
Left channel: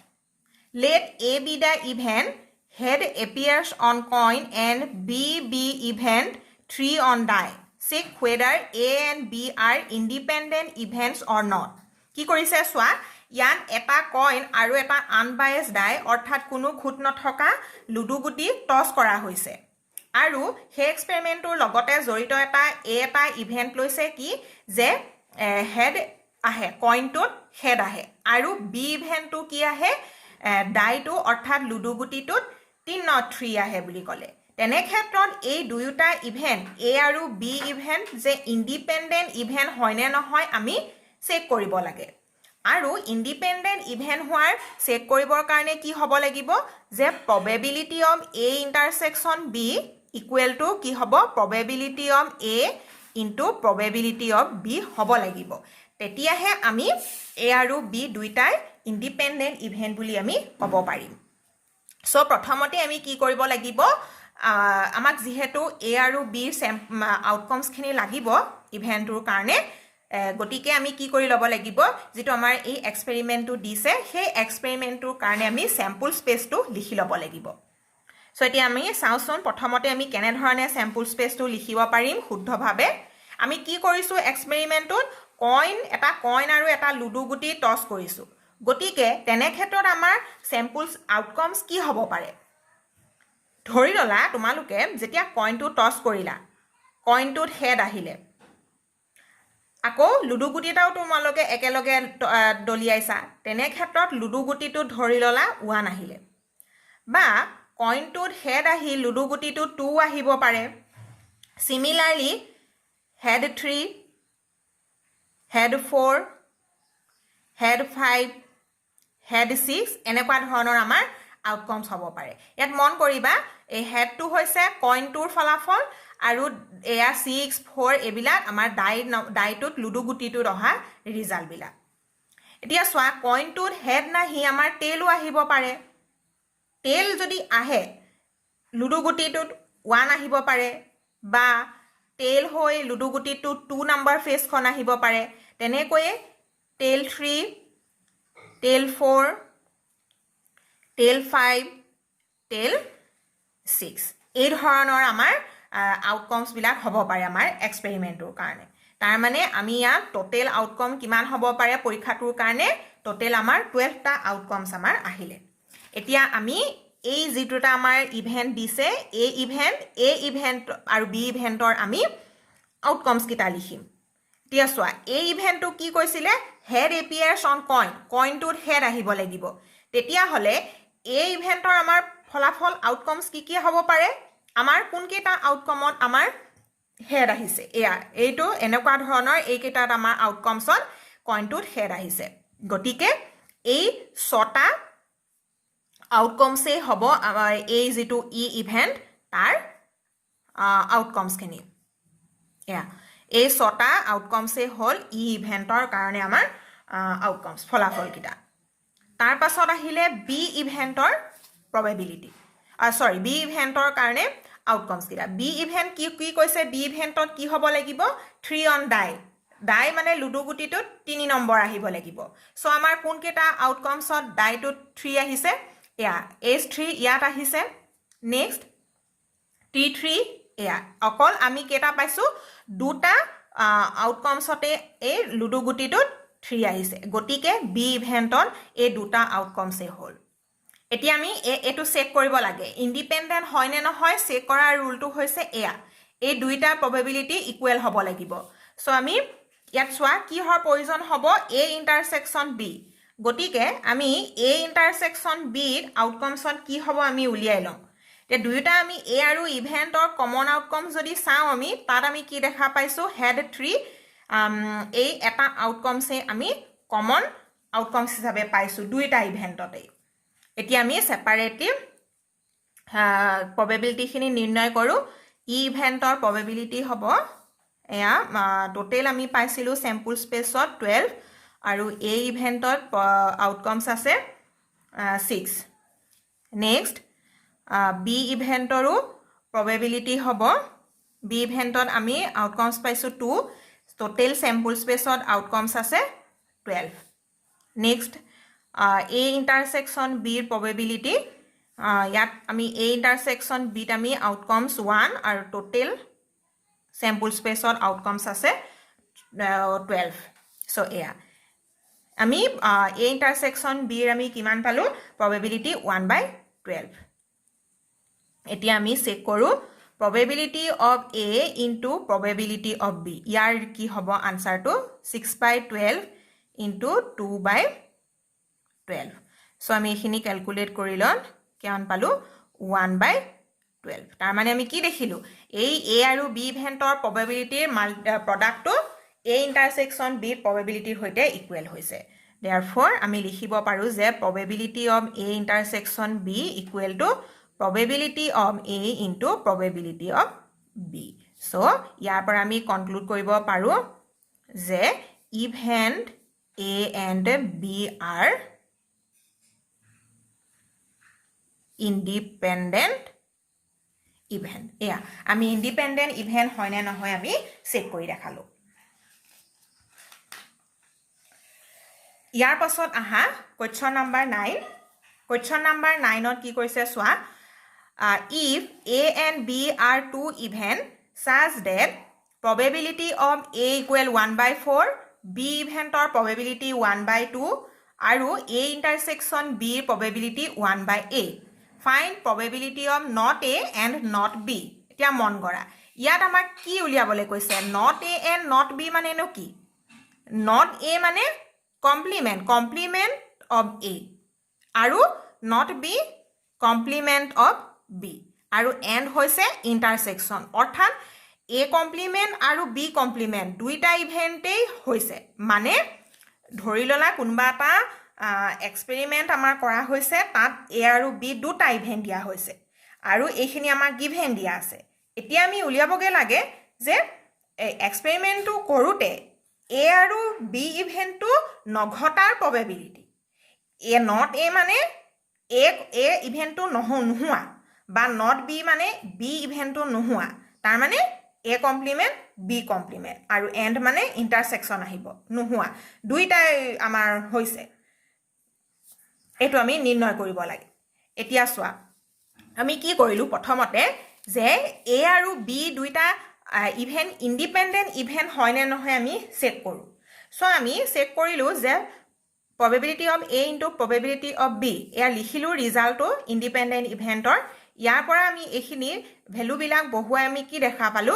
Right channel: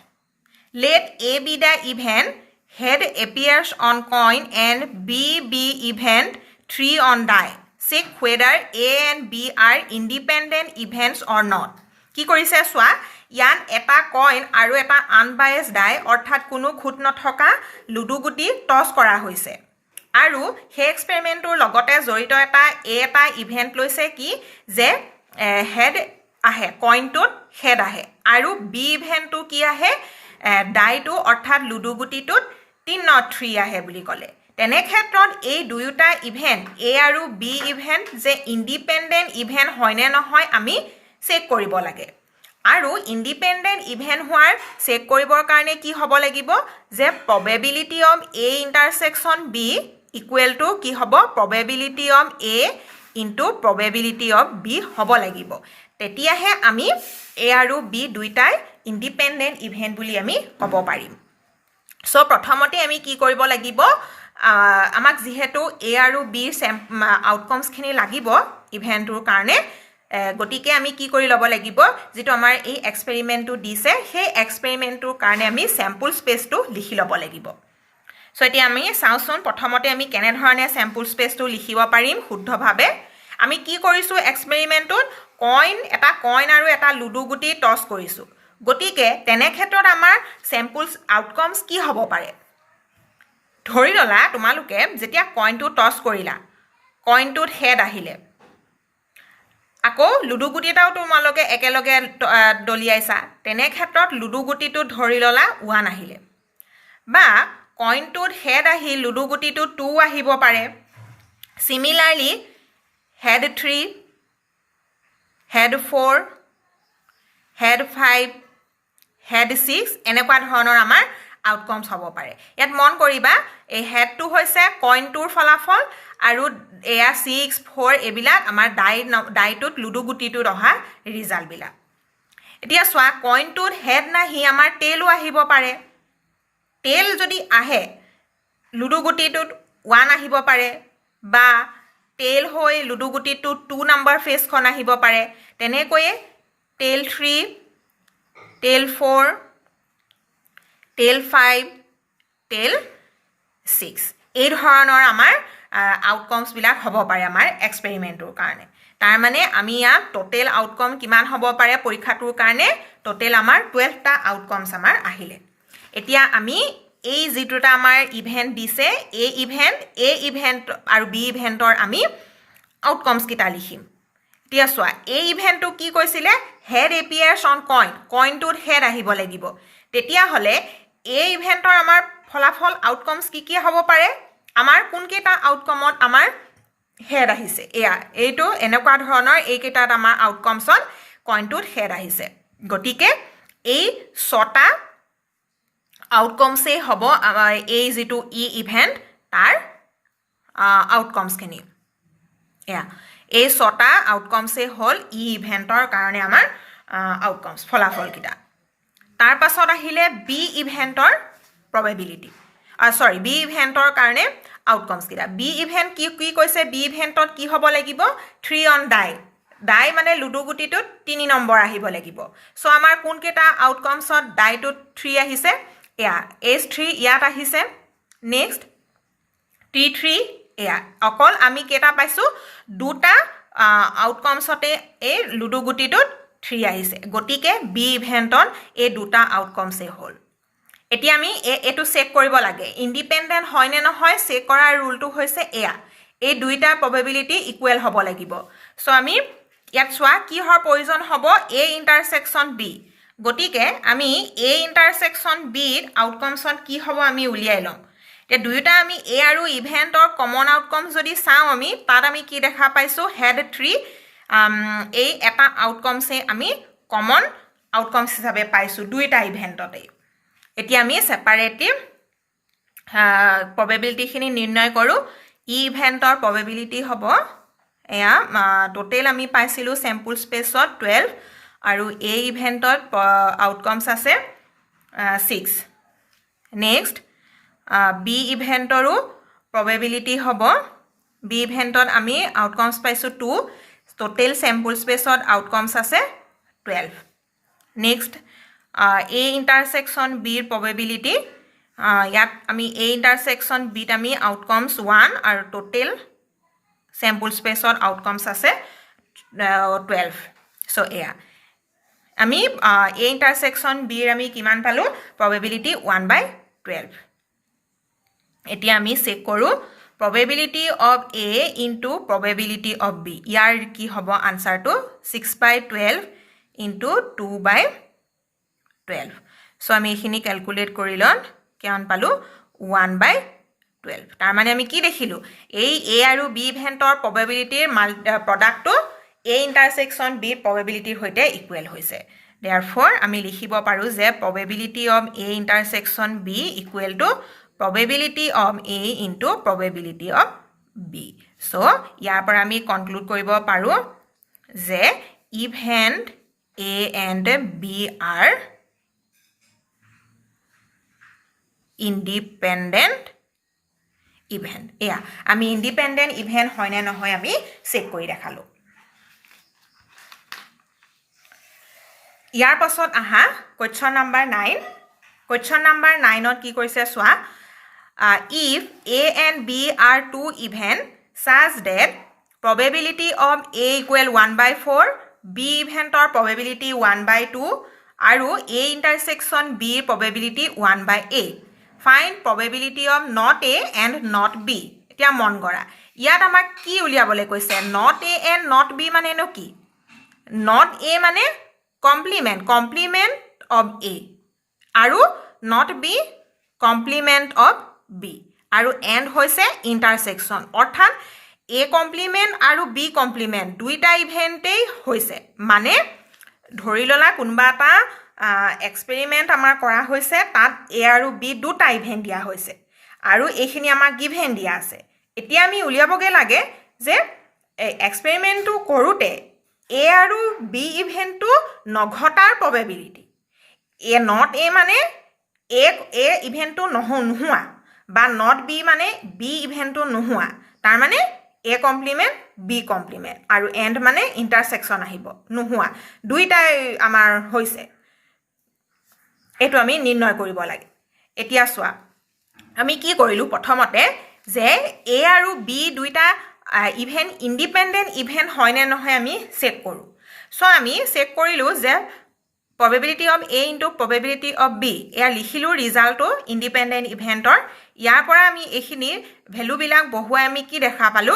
let A be the event head appears on coin and B be event 3 on die check whether A and B are independent events or not কি কৰিছে চোৱা ইয়াত এটা কইন আৰু এটা আনবায়াসড ডাই অৰ্থাৎ কোনো খুঁত নথকা লুডু গুটি টছ কৰা হৈছে আৰু সেই এক্সপেৰিমেণ্টৰ লগতে জড়িত এটা ইভেন্ট লৈছে কি যে হেড আহে কইনটোত হেড আহে আৰু বি ইভেন্টটো কি আহে ডাইটো অৰ্থাৎ লুডু গুটিটোত 3 আহে বুলি ক'লে তেনে ক্ষেত্ৰত এই দুয়োটা ইভেন্ট এ আৰু বি ইভেন্ট যে ইণ্ডিপেণ্ডেণ্ট ইভেন্ট হয়নে নহয় আমি চেক কৰিব লাগে আৰু ইণ্ডিপেণ্ডেণ্ট ইভেন্ট হোৱাৰ চেক কৰিবৰ কাৰণে কি হ'ব লাগিব যে probability of A intersection B equal to কি হ'ব probability of A into probability of B হ'ব লাগিব তেতিয়াহে আমি এ আৰু বি দুইটাই ইণ্ডিপেণ্ডেণ্ট ইভেন্ট বুলি আমি ক'ব পাৰিম সো প্ৰথমতে আমি কি কৰিব লাগিব আমাক যিহেতু এ আৰু বিৰ আউটকামছখিনি লাগিব ইভেন্টটোৰ কাৰণে গতিকে আমি কি কৰি ল'ব লাগিব যেটো আমাৰ এই এক্সপেৰিমেণ্টটো দিছে সেই এক্সপেৰিমেণ্টটোৰ কাৰণে আমি স্যাম্পল স্পেচটো লিখি ল'ব লাগিব সো এতিয়া আমি চাওঁচোন প্ৰথমতে আমি কেনেধৰণে স্যাম্পল স্পেচটো লিখিব পাৰিম শুদ্ধভাৱে আমি কি কৰিছোঁ এক্সপেৰিমেণ্টটোত কইন আৰু এটা লুডু গুটি টছ কৰিছোঁ গতিকে তেনে ক্ষেত্ৰত আমাৰ স্যাম্পলছ আউটকামছ কি হ'ব পাৰে ধৰি ল'লা তোমালোকে যেতিয়া কইনটো টছ কৰিলা কইনটোত হেড আহিলে আকৌ লুডু গুটি এটাও তোমালোকে একেলগে দলিয়াইছা তেনে ক্ষেত্ৰত লুডু গুটিটো ধৰি ল'লা 1 আহিলে বা কইনটোত হেড আহি লুডু গুটিটো 2 আহিব পাৰে সিমিলাৰলি হেড 3 হেড 4 হেড 5 হেড 6 এনেকুৱা ধৰণৰ আমাৰ আউটকামছ হ'ব পাৰে ইয়াত মন কৰিবা এই হেডটো হৈছে কইনটোৰ ফলাফল আৰু এয়া 6 4 এইবিলাক আমাৰ ডাইটোত লুডু গুটিটোত অহা ৰিজাল্টবিলাক এতিয়া চোৱা কইনটোত হেড নাহি আমাৰ টেইলো আহিব পাৰে টেইল যদি আহে লুডু গুটিটোত 1 আহিব পাৰে বা টেইল হৈ লুডু গুটিটোত 2 নম্বৰ ফেচখন আহিব পাৰে তেনেকৈয়ে টেইল 3 টেইল 4 টেইল 5 টেইল 6 এই ধৰণৰ আমাৰ আউটকামছ বিলাক হ'ব পাৰে আমাৰ এক্সপেৰিমেণ্টৰ কাৰণে তাৰ মানে আমি ইয়াত টোটেল আউটকাম কিমান হ'ব পাৰে পৰীক্ষাটোৰ কাৰণে টোটেল আমাৰ 12টা আউটকামছ আমাৰ আহিলে এতিয়া আমি এই যেটা আমাৰ ইভেন্ট দিছে এ ইভেন্ট আৰু বি ইভেন্টৰ আমি আউটকামছ কিটা লিখিম এতিয়া চোৱা এই ইভেন্টটো কি কৈছিলে হেড এপিয়াৰ্ছ অন কইনটোত হেড আহিব লাগিব তেতিয়া হলে এই ইভেন্টৰ আমাৰ ফলাফল আউটকামছ কি হ'ব পাৰে আমাৰ কোন কেইটা আউটকামত আমাৰ হেড আহিছে এয়া এইটো এনেকুৱা ধৰণৰ এইকেইটাত আমাৰ আউটকামছত কইনটোত হেড আহিছে গতিকে এই ছটা আউটকামছেই হ'ব এই যিটো ইভেণ্ট তাৰ আউটকামছখিনি এয়া এই ছটা আউটকামছেই হ'ল ইভেণ্টৰ কাৰণে আমাৰ আউটকামছ ফলাফলকেইটা তাৰ পাছত আহিলে বি ইভেণ্টৰ প্ৰবেবিলিটি বি ইভেণ্টৰ কাৰণে আউটকামছকেইটা বি ইভেণ্ট কি কৈছে বি ইভেণ্টত কি হ'ব লাগিব 3 অন ডাই মানে লুডু গুটিটোত 3 নম্বৰ আহিব লাগিব চ' আমাৰ কোনকেইটা আউটকামছত ডাইটোত 3 আহিছে এয়া H3 ইয়াত আহিছে নেক্সট T3 এয়া অকল আমি কেইটা পাইছোঁ দুটা আউটকামছতে এই লুডু গুটিটোত 3 আহিছে গতিকে বি ইভেণ্টত এই দুটা আউটকামছেই হ'ল এতিয়া আমি এইটো চেক কৰিব লাগে ইণ্ডিপেণ্ডেণ্ট হয় নে নহয় চেক কৰাৰ ৰুলটো হৈছে এয়া এই দুইটা প্ৰবেবিলিটি ইকুৱেল হ'ব লাগিব চ' আমি ইয়াত চোৱা কিহৰ প্ৰয়োজন হ'ব এ ইণ্টাৰছেকশ্যন বি গতিকে আমি এ ইণ্টাৰছেকশ্যন বিৰ আউটকামছত কি হ'ব আমি উলিয়াই লওঁ এতিয়া দুয়োটা আমি এ আৰু ইভেণ্টৰ কমন আউটকাম যদি চাওঁ আমি তাত আমি কি দেখা পাইছোঁ হেড 3 এই এটা আউটকামছে আমি কমন আউটকামছ হিচাপে পাইছোঁ দুইটা ইভেণ্টতেই এতিয়া আমি ছেপাৰেটলি প্ৰবেবিলিটিখিনি নিৰ্ণয় কৰোঁ ইভেণ্টৰ প্ৰবেবিলিটি হ'ব এয়া টোটেল আমি পাইছিলোঁ চেম্পুল স্পেচত 12 আৰু এই ইভেণ্টত আউটকামছ আছে 6 নেক্সট বি ইভেণ্টৰো প্ৰবেবিলিটি হ'ব বি ইভেণ্টত আমি আউটকামছ পাইছোঁ 2 টোটেল চেম্পুল স্পেচত আউটকামছ আছে 12 নেক্সট এ ইণ্টাৰছেকশ্যন বিৰ প্ৰবেবিলিটি ইয়াত আমি এ ইণ্টাৰছেকশ্যন বিত আমি আউটকামছ 1 আৰু টোটেল চেম্পুল স্পেচত আউটকামছ আছে 12 চ' এয়া আমি এ ইণ্টাৰছেকশ্যন বিৰ আমি কিমান পালোঁ প্ৰবেবিলিটি 1/12 এতিয়া আমি চেক কৰোঁ probability of A into probability of B ইয়াৰ কি হ'ব আনসাৰটো 6/12 into 2/12 so আমি এইখিনি ক্যালকুলেট কৰি লম কিমান পালো 1/12 তাৰ মানে আমি কি দেখিলো এই A আৰু B ইভেন্টৰ probability প্ৰডাক্টটো A intersection B probability হৈতে ইকুৱেল হৈছে therefore আমি লিখিব পাৰো যে probability of A intersection B equal to probability of A into probability of B. So, ইয়াৰ পৰা আমি conclude কৰিব পাৰো যে event A and B are independent event. এয়া আমি independent event হয় নে নহয় আমি চেক কৰি দেখালো। ইয়াৰ পাছত আহা question number 9. Question number 9 ত কি কৈছে চোৱা if A and B are two events such that probability of A equal 1/4, B event or probability 1/2, আৰু A intersection B probability 1/8. Find probability of not A and not B. এতিয়া মন কৰা ইয়াত আমাক কি উলিয়াবলৈ কৈছে not A and not B মানে নো কি not A মানে complement of A আৰু not B complement of B আৰু and হৈছে intersection অৰ্থাৎ A complement আৰু B complement দুইটা ইভেন্টেই হৈছে মানে ধৰি ললা কোনবা এটা এক্সপেৰিমেন্ট আমাৰ কৰা হৈছে তাত A আৰু B দুটা ইভেন্ট দিয়া হৈছে আৰু এইখিনি আমাৰ গিভেন দিয়া আছে এতিয়া আমি উলিয়াবগে লাগে যে এক্সপেৰিমেন্টটো কৰোতে A আৰু B ইভেন্টটো নঘটাৰ probability A not A মানে A ইভেন্টটো নোহোৱা বা not B মানে B ইভেন্টটো নোহোৱা তাৰ মানে A complement B complement আৰু and মানে intersection আহিব নোহোৱা দুইটাই আমাৰ হৈছে এটো আমি নিৰ্ণয় কৰিব লাগে এতিয়া চোৱা আমি কি কৰিলো প্ৰথমতে যে A আৰু B দুইটা ইভেন্ট ইন্ডিপেন্ডেন্ট ইভেন্ট হয় নে নহয় আমি চেক কৰো সো আমি চেক কৰিলো যে probability of A into probability of B এয়া লিখিলো ৰিজাল্টটো ইন্ডিপেন্ডেন্ট ইভেন্টৰ ইয়াৰ পৰা আমি এইখিনি ভ্যালু বিলাক বহুৱাই আমি কি দেখা পালো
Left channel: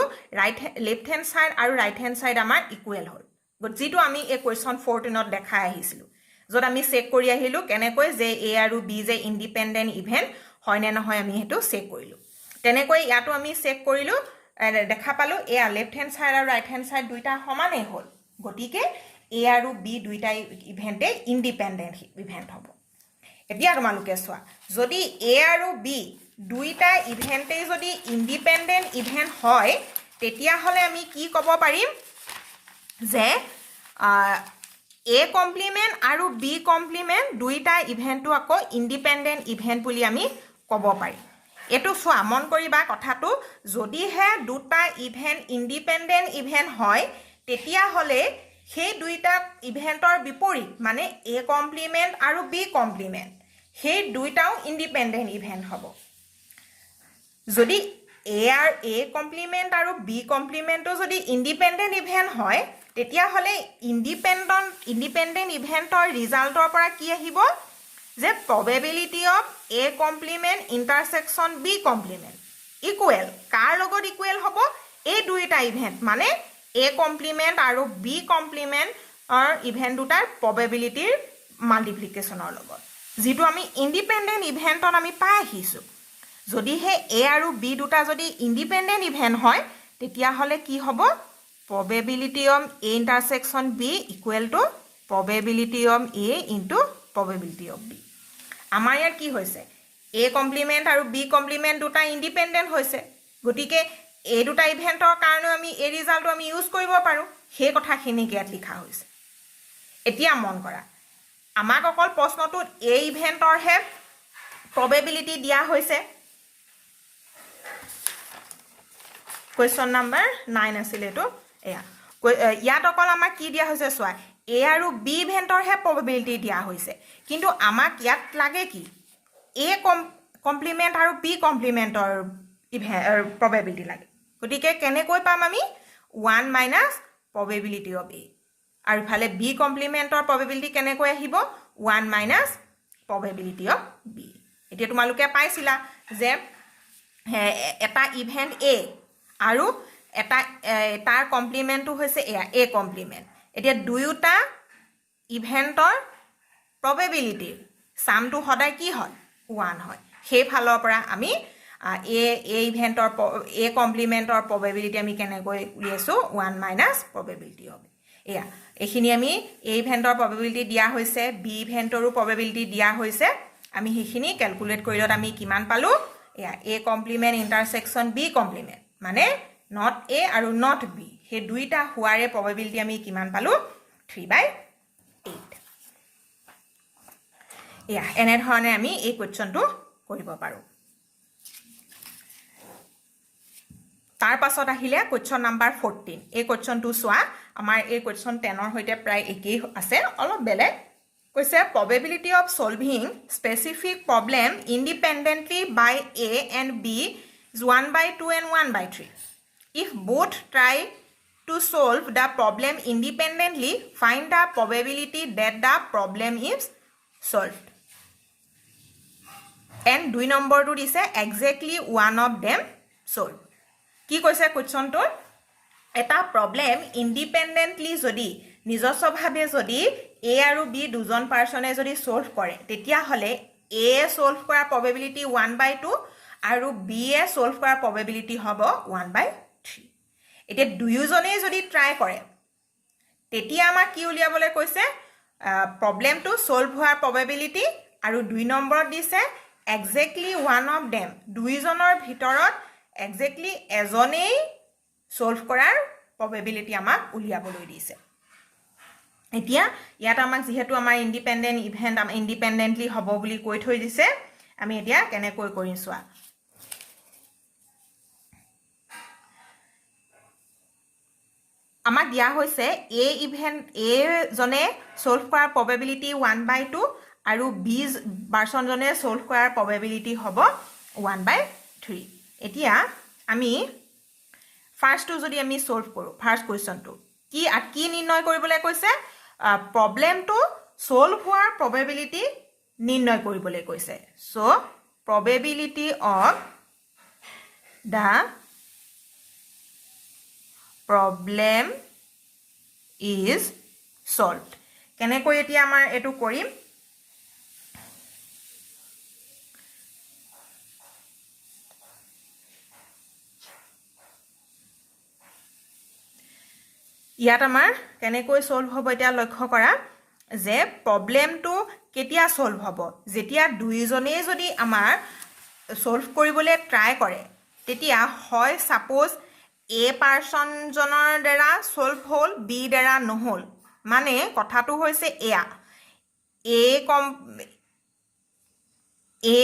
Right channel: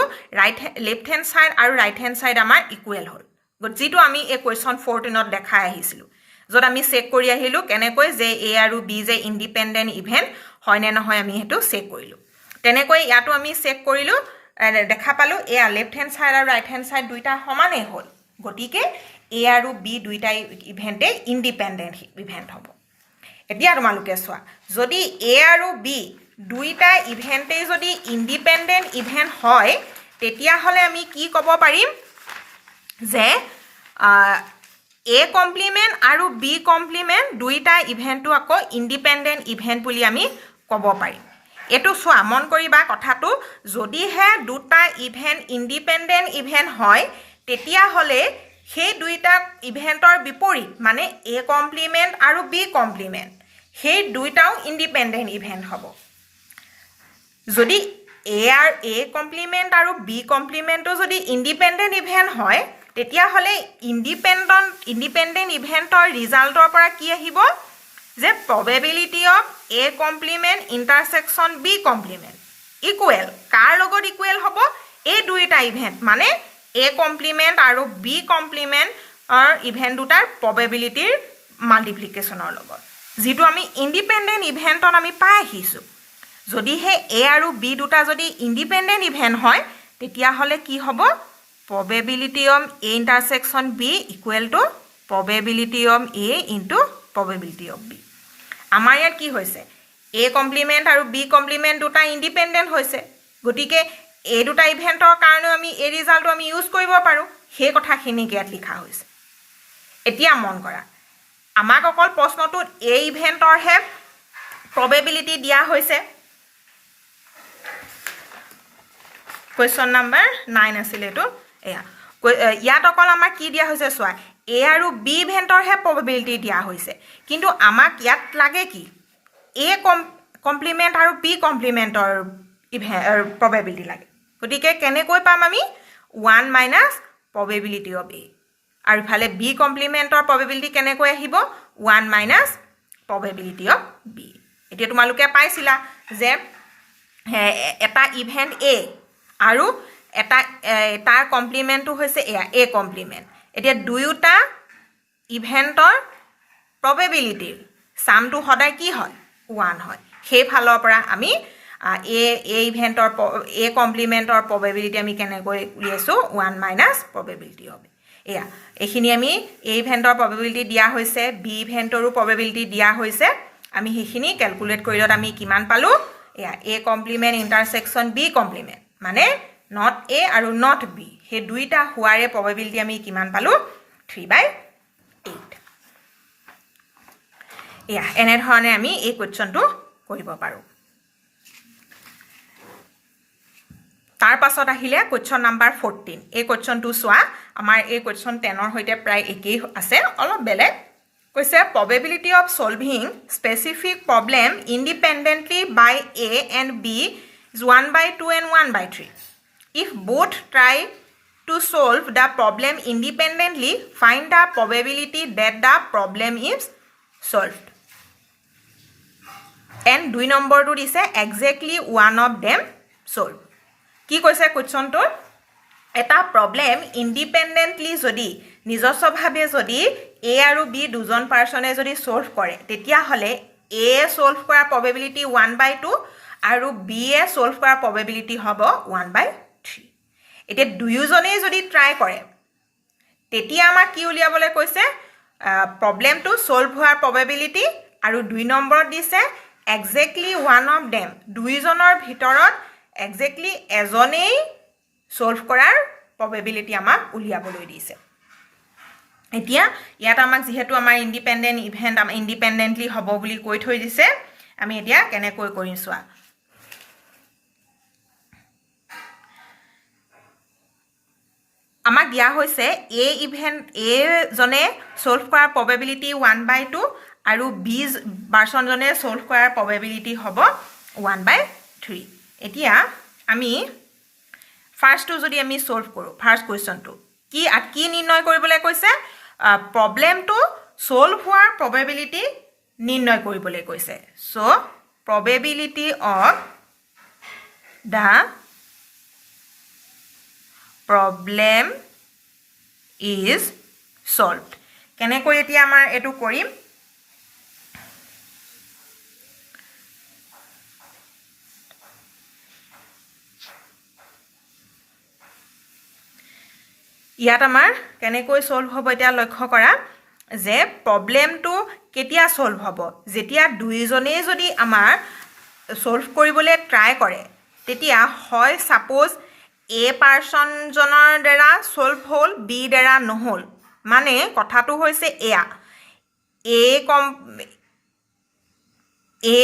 লেফট হ্যান্ড সাইড আৰু ৰাইট হ্যান্ড সাইড আমাৰ ইকুৱেল হ'ল যেটো আমি এই কোৱেশ্চন 14 ত দেখাই আহিছিলো যত আমি চেক কৰি আহিলো কেনেকৈ যে A আৰু B যে ইন্ডিপেন্ডেন্ট ইভেন্ট হয় নে নহয় আমি হেতু চেক কৰিলো তেনেকৈ ইয়াটো আমি চেক কৰিলো দেখা পালো এয়া লেফট হ্যান্ড সাইড আৰু ৰাইট হ্যান্ড সাইড দুইটা সমানেই হ'ল গতিকে এ আৰু বি দুইটা ইভেন্টে ইন্ডিপেন্ডেন্ট ইভেন্ট হ'ব এতিয়া তোমালোকে চোৱা যদি এ আৰু বি দুইটা ইভেন্টে যদি ইন্ডিপেন্ডেন্ট ইভেন্ট হয় তেতিয়া হলে আমি কি ক'ব পাৰিম যে এ কমপ্লিমেন্ট আৰু বি কমপ্লিমেন্ট দুইটা ইভেন্টটো আকৌ ইন্ডিপেন্ডেন্ট ইভেন্ট বুলি আমি ক'ব পাৰিম এটো চোৱা মন কৰিবা কথাটো যদিহে দুটা ইভেন্ট ইন্ডিপেন্ডেন্ট ইভেন্ট হয় তেতিয়া হলে সেই দুইটা ইভেন্টৰ বিপৰীত মানে এ কমপ্লিমেন্ট আৰু বি কমপ্লিমেন্ট সেই দুইটাও ইন্ডিপেন্ডেন্ট ইভেন্ট হ'ব যদি এ কমপ্লিমেন্ট আৰু বি কমপ্লিমেন্টটো যদি ইন্ডিপেন্ডেন্ট ইভেন্ট হয় তেতিয়া হলে ইন্ডিপেন্ডেন্ট ইভেন্টৰ ৰিজাল্টৰ পৰা কি আহিব যে probability of a complement intersection b complement equal কাৰ লগত ইকুৱেল হ'ব এই দুইটা ইভেন্ট মানে a complement আৰু b complement ইভেন্ট দুটাৰ probabilityৰ মাল্টিপ্লিকেশনৰ লগত যেটো আমি ইন্ডিপেন্ডেন্ট ইভেন্টত আমি পাই আহিছো যদি হে a আৰু b দুটা যদি ইন্ডিপেন্ডেন্ট ইভেন্ট হয় তেতিয়া হলে কি হ'ব probability of a intersection b equal to probability of a into probability of b আমাৰ ইয়াত কি হৈছে a কমপ্লিমেন্ট আৰু b কমপ্লিমেন্ট দুটা ইন্ডিপেন্ডেন্ট হৈছে গতিকে এই দুটা ইভেন্টৰ কাৰণে আমি এই ৰিজাল্টটো আমি ইউজ কৰিব পাৰো সেই কথাখিনি ইয়াত লিখা হৈছে এতিয়া মন কৰা আমাক অকল প্ৰশ্নটোত এই ইভেন্টৰ হে probability দিয়া হৈছে question number 9 আছিল এটো এয়া ইয়াত অকল আমাক কি দিয়া হৈছে চোৱা এ আৰু বি ইভেন্টৰ হে probability দিয়া হৈছে কিন্তু আমাক ইয়াত লাগে কি এ কমপ্লিমেন্ট আৰু বি কমপ্লিমেন্টৰ probability লাগে গতিকে কেনেকৈ পাম আমি 1 minus probability of a আৰু ইফালে বি কমপ্লিমেন্টৰ probability কেনেকৈ আহিব 1 minus probability of b এতিয়া তোমালোকে পাইছিলা যে এটা ইভেন্ট a আৰু এটা তাৰ কমপ্লিমেন্টটো হৈছে এ কমপ্লিমেন্ট এতিয়া দুয়োটা ইভেন্টৰ probability সামটো সদায় কি হয় 1 হয় সেই ফালৰ পৰা আমি এ ইভেন্টৰ এ কমপ্লিমেন্টৰ probability আমি কেনেকৈ উলিয়াইছো 1 minus probability of এয়া এখিনি আমি এ ইভেন্টৰ probability দিয়া হৈছে বি ইভেন্টৰো probability দিয়া হৈছে আমি হেখিনি ক্যালকুলেট কৰিলত আমি কিমান পালো এয়া এ কমপ্লিমেন্ট ইন্টাৰসেকশন বি কমপ্লিমেন্ট মানে not a আৰু not b হে দুইটা হোৱাৰে probability আমি কিমান পালো 3/8 এয়া এনে ধৰণে আমি এই কোৱেশ্চনটো কৰিব পাৰো তাৰ পাছত আহিলে কোৱেশ্চন নাম্বাৰ 14 এই কোৱেশ্চনটো চোৱা আমাৰ এই কোৱেশ্চন 10 ৰ হৈতে প্ৰায় একেই আছে অলপ বেলেগ কৈছে probability of solving specific problem independently by a and b is 1/2 and 1/3 if both try to solve the problem independently find the probability that the problem is solved and 2 নম্বৰটো দিছে exactly one of them solve কি কৈছে কোৱেশ্চনটো এটা প্ৰবলেম ইন্ডিপেন্ডেন্টলি যদি নিজস্বভাৱে যদি a আৰু b দুজন পাৰ্সনে যদি সলভ কৰে তেতিয়া হলে a সলভ কৰা probability 1/2 আৰু b এ সলভ কৰা probability হ'ব 1/3 এতিয়া দুয়োজনে যদি ট্ৰাই কৰে তেতিয়া আমাৰ কি উলিয়াবলৈ কৈছে প্ৰবলেমটো সলভ হোৱাৰ probability আৰু 2 নম্বৰত দিছে exactly one of them দুইজনৰ ভিতৰত exactly এজনেই সলভ কৰাৰ probability আমাক উলিয়াবলৈ দিছে এতিয়া ইয়াত আমাক যেহেতু আমাৰ ইন্ডিপেন্ডেন্ট ইভেন্ট আমাৰ ইন্ডিপেন্ডেন্টলি হ'ব বুলি কৈ থৈ দিছে আমি এতিয়া কেনেকৈ কৰিম চোৱা আমাক দিয়া হৈছে a ইভেন্ট a জনে সলভ কৰাৰ probability 1/2 আৰু b পাৰ্সন জনে সলভ কৰাৰ probability হ'ব 1/3 এতিয়া আমি ফাৰ্স্টটো যদি আমি সলভ কৰো ফাৰ্স্ট কোৱেশ্চনটো কি নিৰ্ণয় কৰিবলৈ কৈছে প্ৰবলেমটো সলভ হোৱাৰ probability নিৰ্ণয় কৰিবলৈ কৈছে so probability of the problem is solved কেনেকৈ এতিয়া আমাৰ এটো কৰিম ইয়াত আমাৰ কেনেকৈ সলভ হ'ব এতিয়া লক্ষ্য কৰা যে প্ৰবলেমটো কেতিয়া সলভ হ'ব যেতিয়া দুইজনেই যদি আমাৰ সলভ কৰিবলৈ ট্ৰাই কৰে তেতিয়া হয় সাপোজ এ পাৰ্সনজনৰ দ্বাৰা সলভ হ'ল বি দ্বাৰা নহ'ল মানে কথাটো হৈছে এয়া এ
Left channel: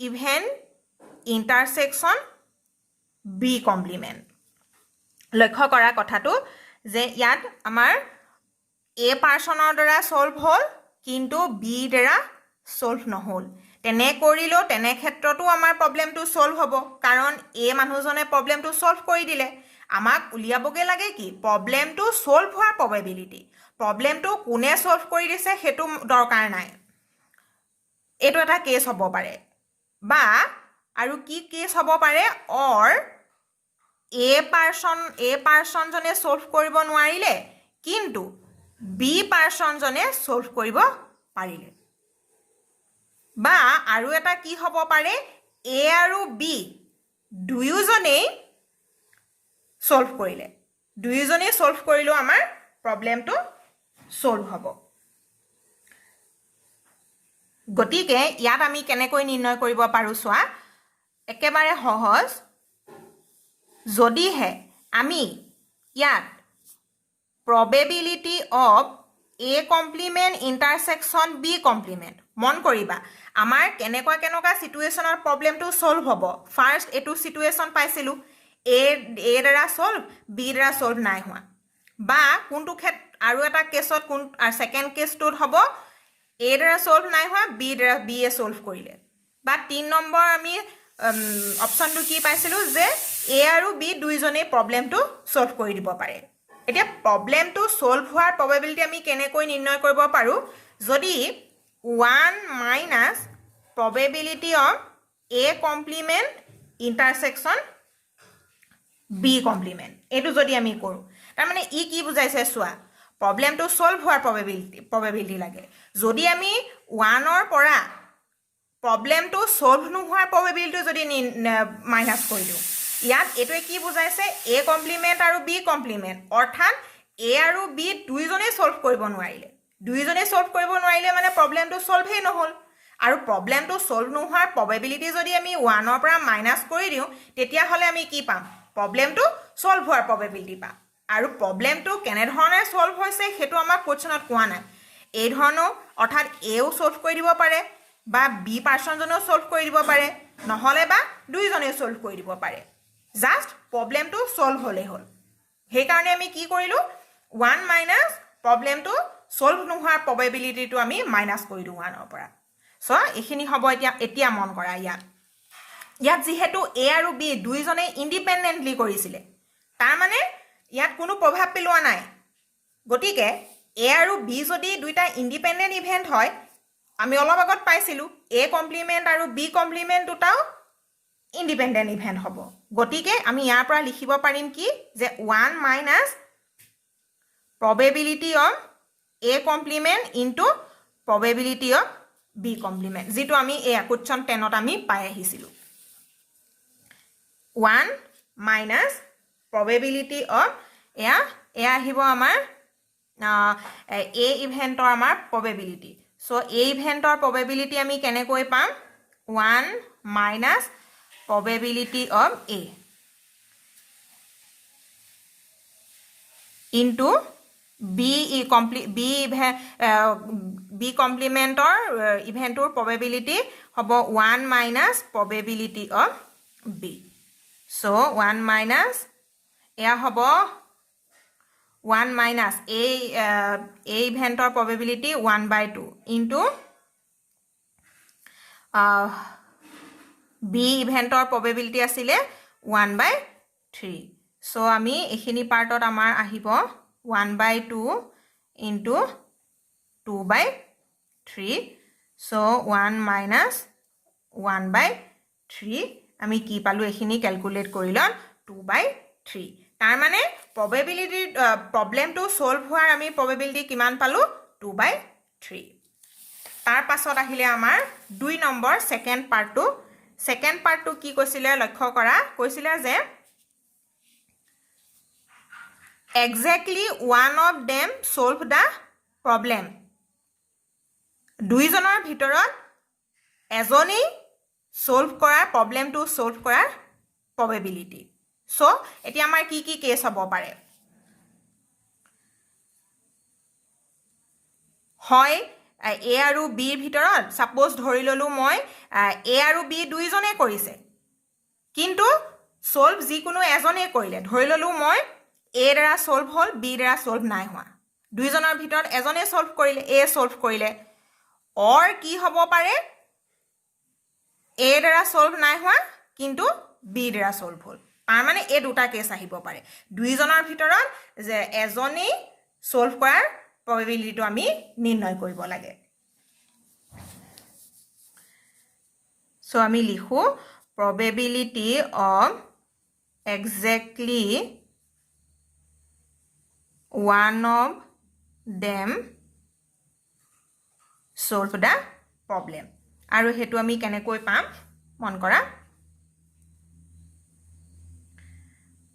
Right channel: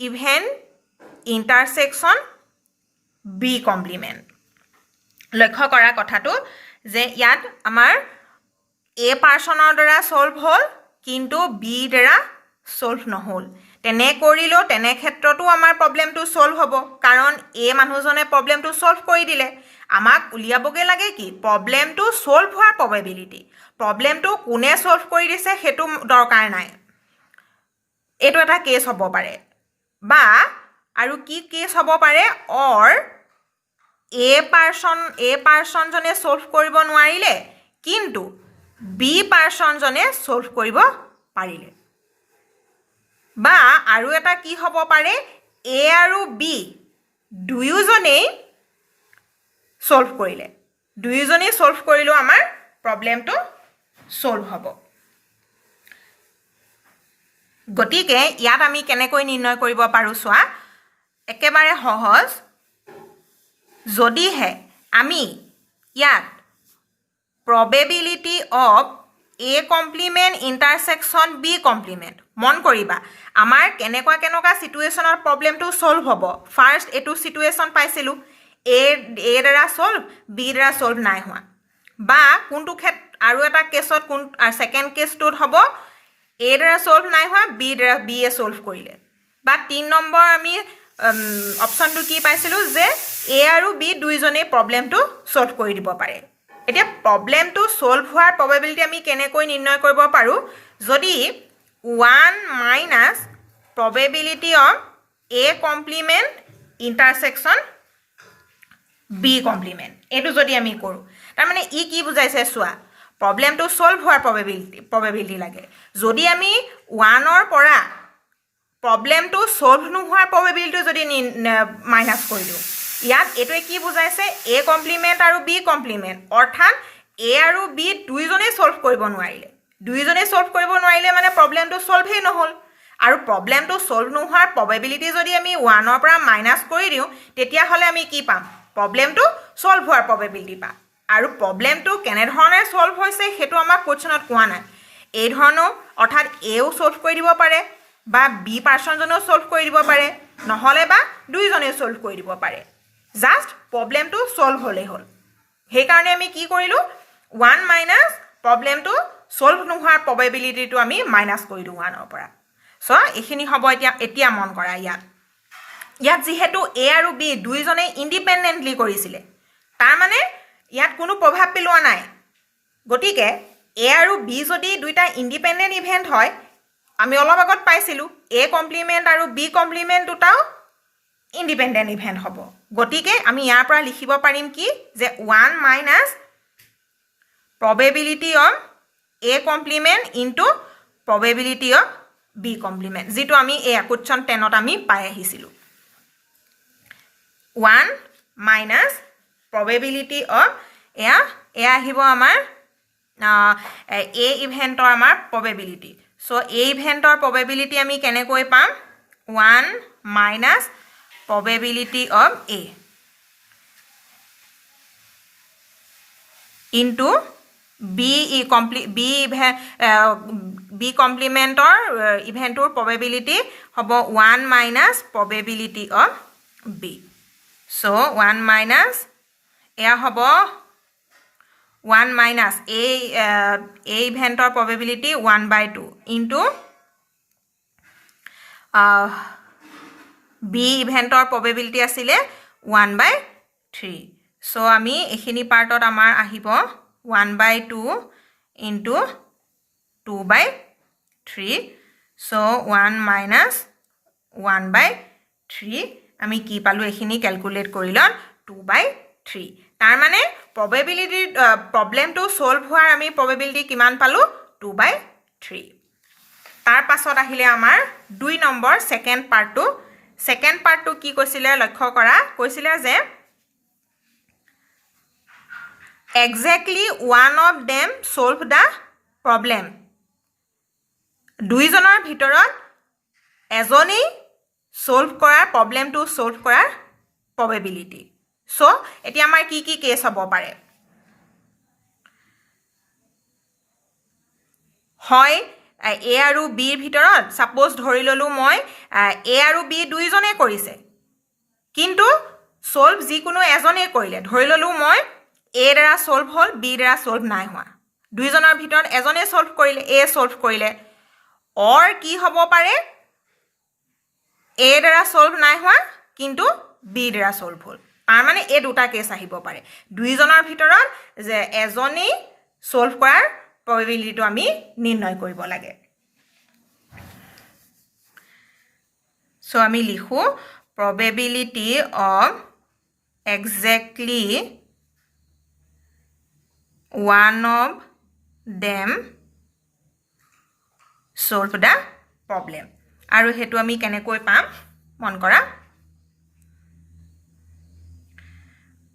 ইভেন ইণ্টাৰসেকশ্যন বি কমপ্লিমেণ্ট লক্ষ্য কৰা কথাটো যে ইয়াত আমাৰ এ পাৰ্সনৰ দ্বাৰা সলভ হ'ল কিন্তু বি দ্বাৰা সলভ নহ'ল তেনে কৰিলেও তেনে ক্ষেত্ৰতো আমাৰ প্ৰবলেমটো সলভ হ'ব কাৰণ এ মানুহজনে প্ৰবলেমটো সলভ কৰি দিলে আমাক উলিয়াবগে লাগে কি প্ৰবলেমটো সলভ হোৱাৰ প্ৰবেবিলিটি প্ৰবলেমটো কোনে সলভ কৰি দিছে সেইটো দৰকাৰ নাই এইটো এটা কেছ হ'ব পাৰে বা আৰু কি কেছ হ'ব পাৰে অৰ এ পাৰ্সনজনে সলভ কৰিব নোৱাৰিলে কিন্তু বি পাৰ্সনজনে সলভ কৰিব পাৰিলে বা আৰু এটা কি হ'ব পাৰে এ আৰু বি দুয়োজনেই সলভ কৰিলে দুয়োজনেই সলভ কৰিলেও আমাৰ প্ৰবলেমটো সলভ হ'ব গতিকে ইয়াত আমি কেনেকৈ নিৰ্ণয় কৰিব পাৰোঁ চোৱা একেবাৰে সহজ যদিহে আমি ইয়াত probability of A complement intersection B complement মন কৰিবা আমাৰ কেনেকুৱা সিচুৱেশ্যনৰ প্ৰবলেমটো সলভ হ'ব ফাৰ্স্ট এটো সিচুৱেশ্যন পাইছিলো এ দ্বাৰা সলভ বি দ্বাৰা সলভ নাই হোৱা বা কোনটো ক্ষেত্ৰ আৰু এটা কেছত কোন সেকেন্ড কেছটোত হ'ব এ দ্বাৰা সলভ নাই হোৱা বি দ্বাৰা বি এ সলভ কৰিলে বা 3 নম্বৰ আমি অপশনটো কি পাইছিলো যে এ আৰু বি দুইজনেই প্ৰবলেমটো সলভ কৰি দিব পাৰে এতিয়া প্ৰবলেমটো সলভ হোৱাৰ প্ৰবেবিলিটি আমি কেনেকৈ নিৰ্ণয় কৰিব পাৰো যদি 1 minus probability of A complement intersection B complement এটো যদি আমি কৰো তাৰ মানে ই কি বুজাইছে চোৱা প্ৰবলেমটো সলভ হোৱাৰ প্ৰবেবিলিটি লাগে যদি আমি 1 ৰ পৰা প্ৰবলেমটো সলভ নোহোৱাৰ প্ৰবেবিলিটি যদি মাইনাস কৰি দিও ইয়াত এটোৱে কি বুজাইছে A complement আৰু B complement অৰ্থাৎ A আৰু B দুইজনেই সলভ কৰিব নোৱাৰিলে মানে প্ৰবলেমটো সলভেই নহল আৰু প্ৰবলেমটো সলভ নোহোৱাৰ প্ৰবেবিলিটি যদি আমি 1 ৰ পৰা মাইনাস কৰি দিও তেতিয়া হলে আমি কি পাম প্ৰবলেমটো সলভ হোৱাৰ প্ৰবেবিলিটি পাম আৰু প্ৰবলেমটো কেনে ধৰণে সলভ হৈছে হেতু আমাক কোৱেশ্চনত কোৱা নাই এই ধৰণৰ অৰ্থাৎ এও সলভ কৰি দিব পাৰে বা বি পাৰ্সনজনেও সলভ কৰি দিব পাৰে নহলে বা দুইজনে সলভ কৰি দিব পাৰে জাস্ট প্ৰবলেমটো সলভ হলে হল সেই কাৰণে আমি কি কৰিলো 1 মাইনাস প্ৰবলেমটো সলভ নোহোৱাৰ প্ৰবেবিলিটিটো আমি মাইনাস কৰি দিও 1 ৰ পৰা সো এখিনি হ'ব এতিয়া মন কৰা ইয়াত যেহেতু এ আৰু বি দুইজনে ইন্ডিপেন্ডেন্টলি কৰিছিলে তাৰ মানে ইয়াত কোনো প্ৰভাৱ পেলোৱা নাই গতিকে এ আৰু বি যদি দুইটা ইন্ডিপেন্ডেন্ট ইভেন্ট হয় আমি অলপ আগত পাইছিলো এ কমপ্লিমেন্ট আৰু বি কমপ্লিমেন্ট দুটাও ইন্ডিপেন্ডেন্ট ইভেন্ট হ'ব গতিকে আমি ইয়াৰ পৰা লিখিব পাৰিম কি যে 1 minus probability of A complement into probability of B complement যেটো আমি এই কোৱেশ্চন 10 ত আমি পাই আহিছিলো 1 minus probability of এয়া আহিব আমাৰ A ইভেন্টৰ আমাৰ probability so A ইভেন্টৰ probability আমি কেনেকৈ পাম 1 minus probability of A into B complementor ইভেন্টৰ probability হ'ব 1 minus probability of B so 1 minus এয়া হ'ব 1 minus A ইভেন্টৰ probability 1/2 into B ইভেন্টৰ probability আছিলে 1/3 so আমি এখিনি পাৰ্টত আমাৰ আহিব 1/2 into 2/3 so 1 minus 1/3 আমি কি পালো এখিনি ক্যালকুলেট কৰিলন 2/3 তাৰ মানে probability প্ৰবলেমটো সলভ হোৱাৰ আমি probability কিমান পালো 2/3 তাৰ পাছত আহিলে আমাৰ 2 নম্বৰ সেকেন্ড পাৰ্টটো কি কৈছিলে লক্ষ্য কৰা কৈছিলে যে exactly one of them solve the problem. দুইজনৰ ভিতৰত এজনেই solve কৰাৰ প্ৰবলেমটো solve কৰাৰ probability. So এতিয়া আমাৰ কি কি কেছ হ'ব পাৰে? হয় A আৰু B ভিতৰত সাপোজ ধৰি ললো মই A আৰু B দুইজনে কৰিছে কিন্তু সলভ যিকোনো এজনে কৰিলে ধৰি ললো মই A দ্বাৰা সলভ হল B দ্বাৰা সলভ নাই হোৱা দুইজনৰ ভিতৰত এজনে সলভ কৰিলে A সলভ কৰিলে অৰ কি হ'ব পাৰে A দ্বাৰা সলভ নাই হোৱা কিন্তু B দ্বাৰা সলভ হল তাৰ মানে এই দুটা কেছ আহিব পাৰে দুইজনৰ ভিতৰত যে এজনেই সলভ কৰাৰ probability আমি নিৰ্ণয় কৰিব লাগে so আমি লিখো probability of exactly one of them solve the problem আৰু হেতু আমি কেনেকৈ পাম মন কৰা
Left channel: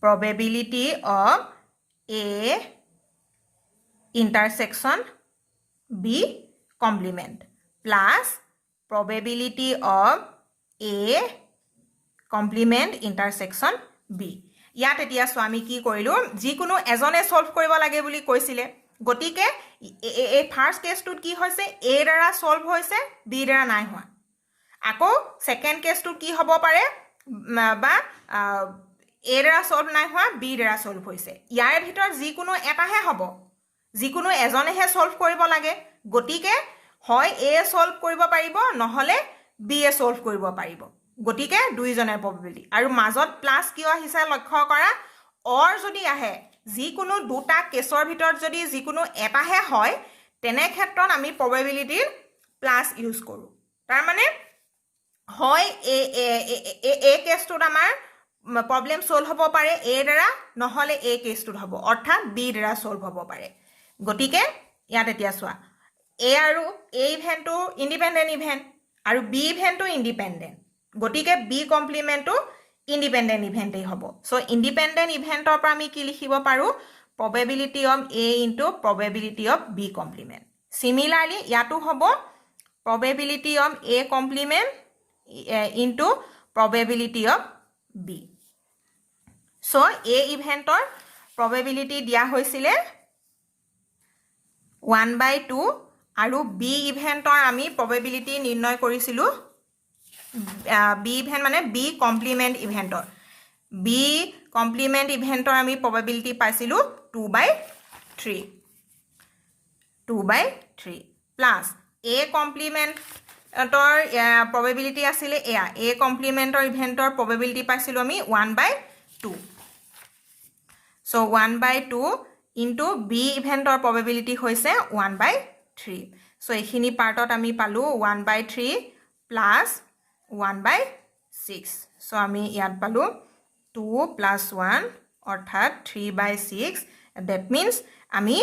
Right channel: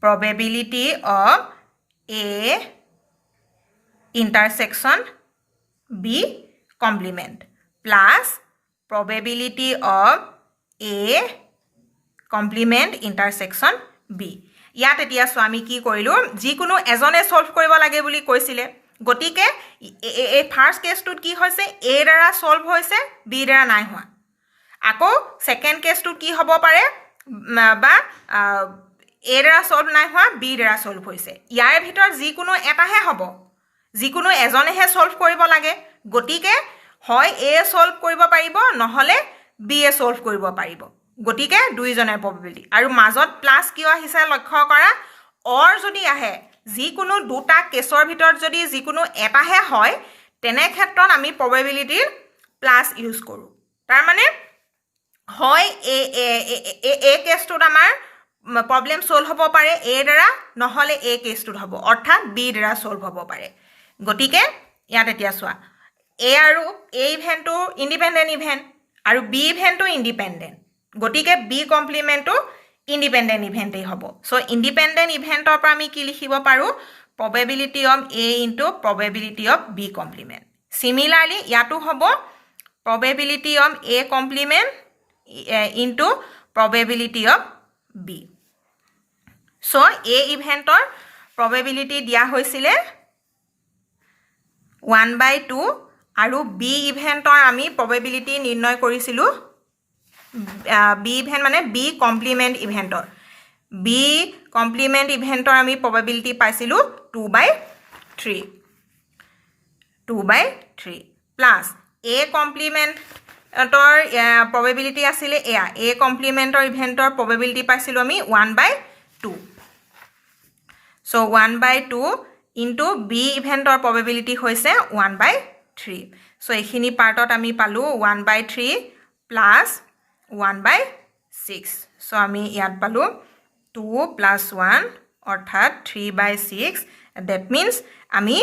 probability of A intersection B complement plus probability of A complement intersection B ইয়াত এতিয়া স্বামী কি কৰিলো যিকোনো এজনে সলভ কৰিব লাগে বুলি কৈছিলে গতিকে এই ফাৰ্স্ট কেছটোত কি হৈছে A দ্বাৰা সলভ হৈছে B দ্বাৰা নাই হোৱা আকৌ সেকেন্ড কেছটো কি হ'ব পাৰে বা A দ্বাৰা সলভ নাই হোৱা B দ্বাৰা সলভ হৈছে ইয়াৰ ভিতৰত যিকোনো এটাহে হ'ব যিকোনো এজনেহে সলভ কৰিব লাগে গতিকে হয় A সলভ কৰিব পাৰিব নহলে B সলভ কৰিব পাৰিব গতিকে দুইজনৰ probability আৰু মাজত প্লাস কিয় আহিছে লক্ষ্য কৰা অৰ যদি আহে যিকোনো দুটা কেছৰ ভিতৰত যদি যিকোনো এটাহে হয় তেনে ক্ষেত্ৰত আমি probability প্লাস ইউজ কৰো তাৰ মানে হয় এ কেছটোত আমাৰ প্ৰবলেম সলভ হ'ব পাৰে A দ্বাৰা নহলে A কেছটোত হ'ব অৰ্থাৎ B দ্বাৰা সলভ হ'ব পাৰে গতিকে ইয়াত এতিয়া চোৱা A আৰু A ইভেন্টটো ইন্ডিপেন্ডেন্ট ইভেন্ট আৰু B ইভেন্টটো ইন্ডিপেন্ডেন্ট গতিকে B কমপ্লিমেন্টটো ইন্ডিপেন্ডেন্ট ইভেন্টেই হ'ব সো ইন্ডিপেন্ডেন্ট ইভেন্টৰ পৰা আমি কি লিখিব পাৰো probability of A into probability of B complement similarly ইয়াতো হ'ব probability of A complement into probability of B so A ইভেন্টৰ probability দিয়া হৈছিলে 1/2 আৰু B ইভেন্টৰ আমি probability নিৰ্ণয় কৰিছিলো B ইভেন্ট মানে B কমপ্লিমেন্ট ইভেন্টৰ B কমপ্লিমেন্ট ইভেন্টৰ আমি probability পাইছিলো 2/3 প্লাস A কমপ্লিমেন্টৰ probability আছিলে এয়া A কমপ্লিমেন্টৰ ইভেন্টৰ probability পাইছিলো আমি 1/2 so 1/2 into B ইভেন্টৰ probability হৈছে 1/3 so এইখিনি পাৰ্টত আমি পালো 1/3 plus 1/6 so আমি ইয়াত পালো 2 plus 1 অৰ্থাৎ 3/6 that means আমি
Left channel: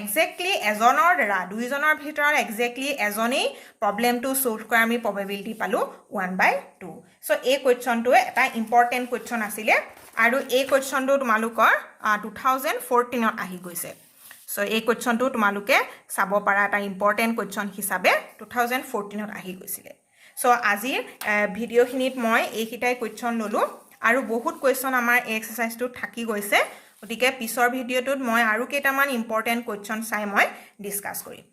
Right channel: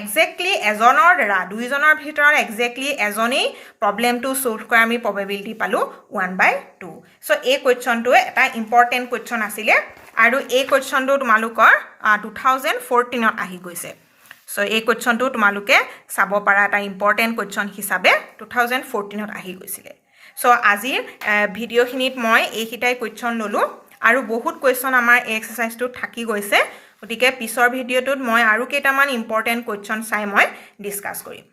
exactly এজনৰ দ্বাৰা দুইজনৰ ভিতৰত exactly এজনেই প্ৰবলেমটো সলভ কৰা আমি probability পালো 1/2 so এই কোৱেশ্চনটো এটা ইম্পৰ্টেন্ট কোৱেশ্চন আছিলে আৰু এই কোৱেশ্চনটো তোমালোকৰ 2014 ত আহি গৈছে so এই কোৱেশ্চনটো তোমালোকে চাব পাৰা এটা ইম্পৰ্টেন্ট কোৱেশ্চন হিচাপে 2014 ত আহি গৈছিলে so আজিৰ ভিডিওখিনিত মই এইকিটাই কোৱেশ্চন ললো আৰু বহুত কোৱেশ্চন আমাৰ এই এক্সাৰসাইজটো থাকি গৈছে গতিকে পিছৰ ভিডিওটোত মই আৰু কেইটামান ইম্পৰ্টেন্ট কোৱেশ্চন চাই মই ডিসকাস কৰিম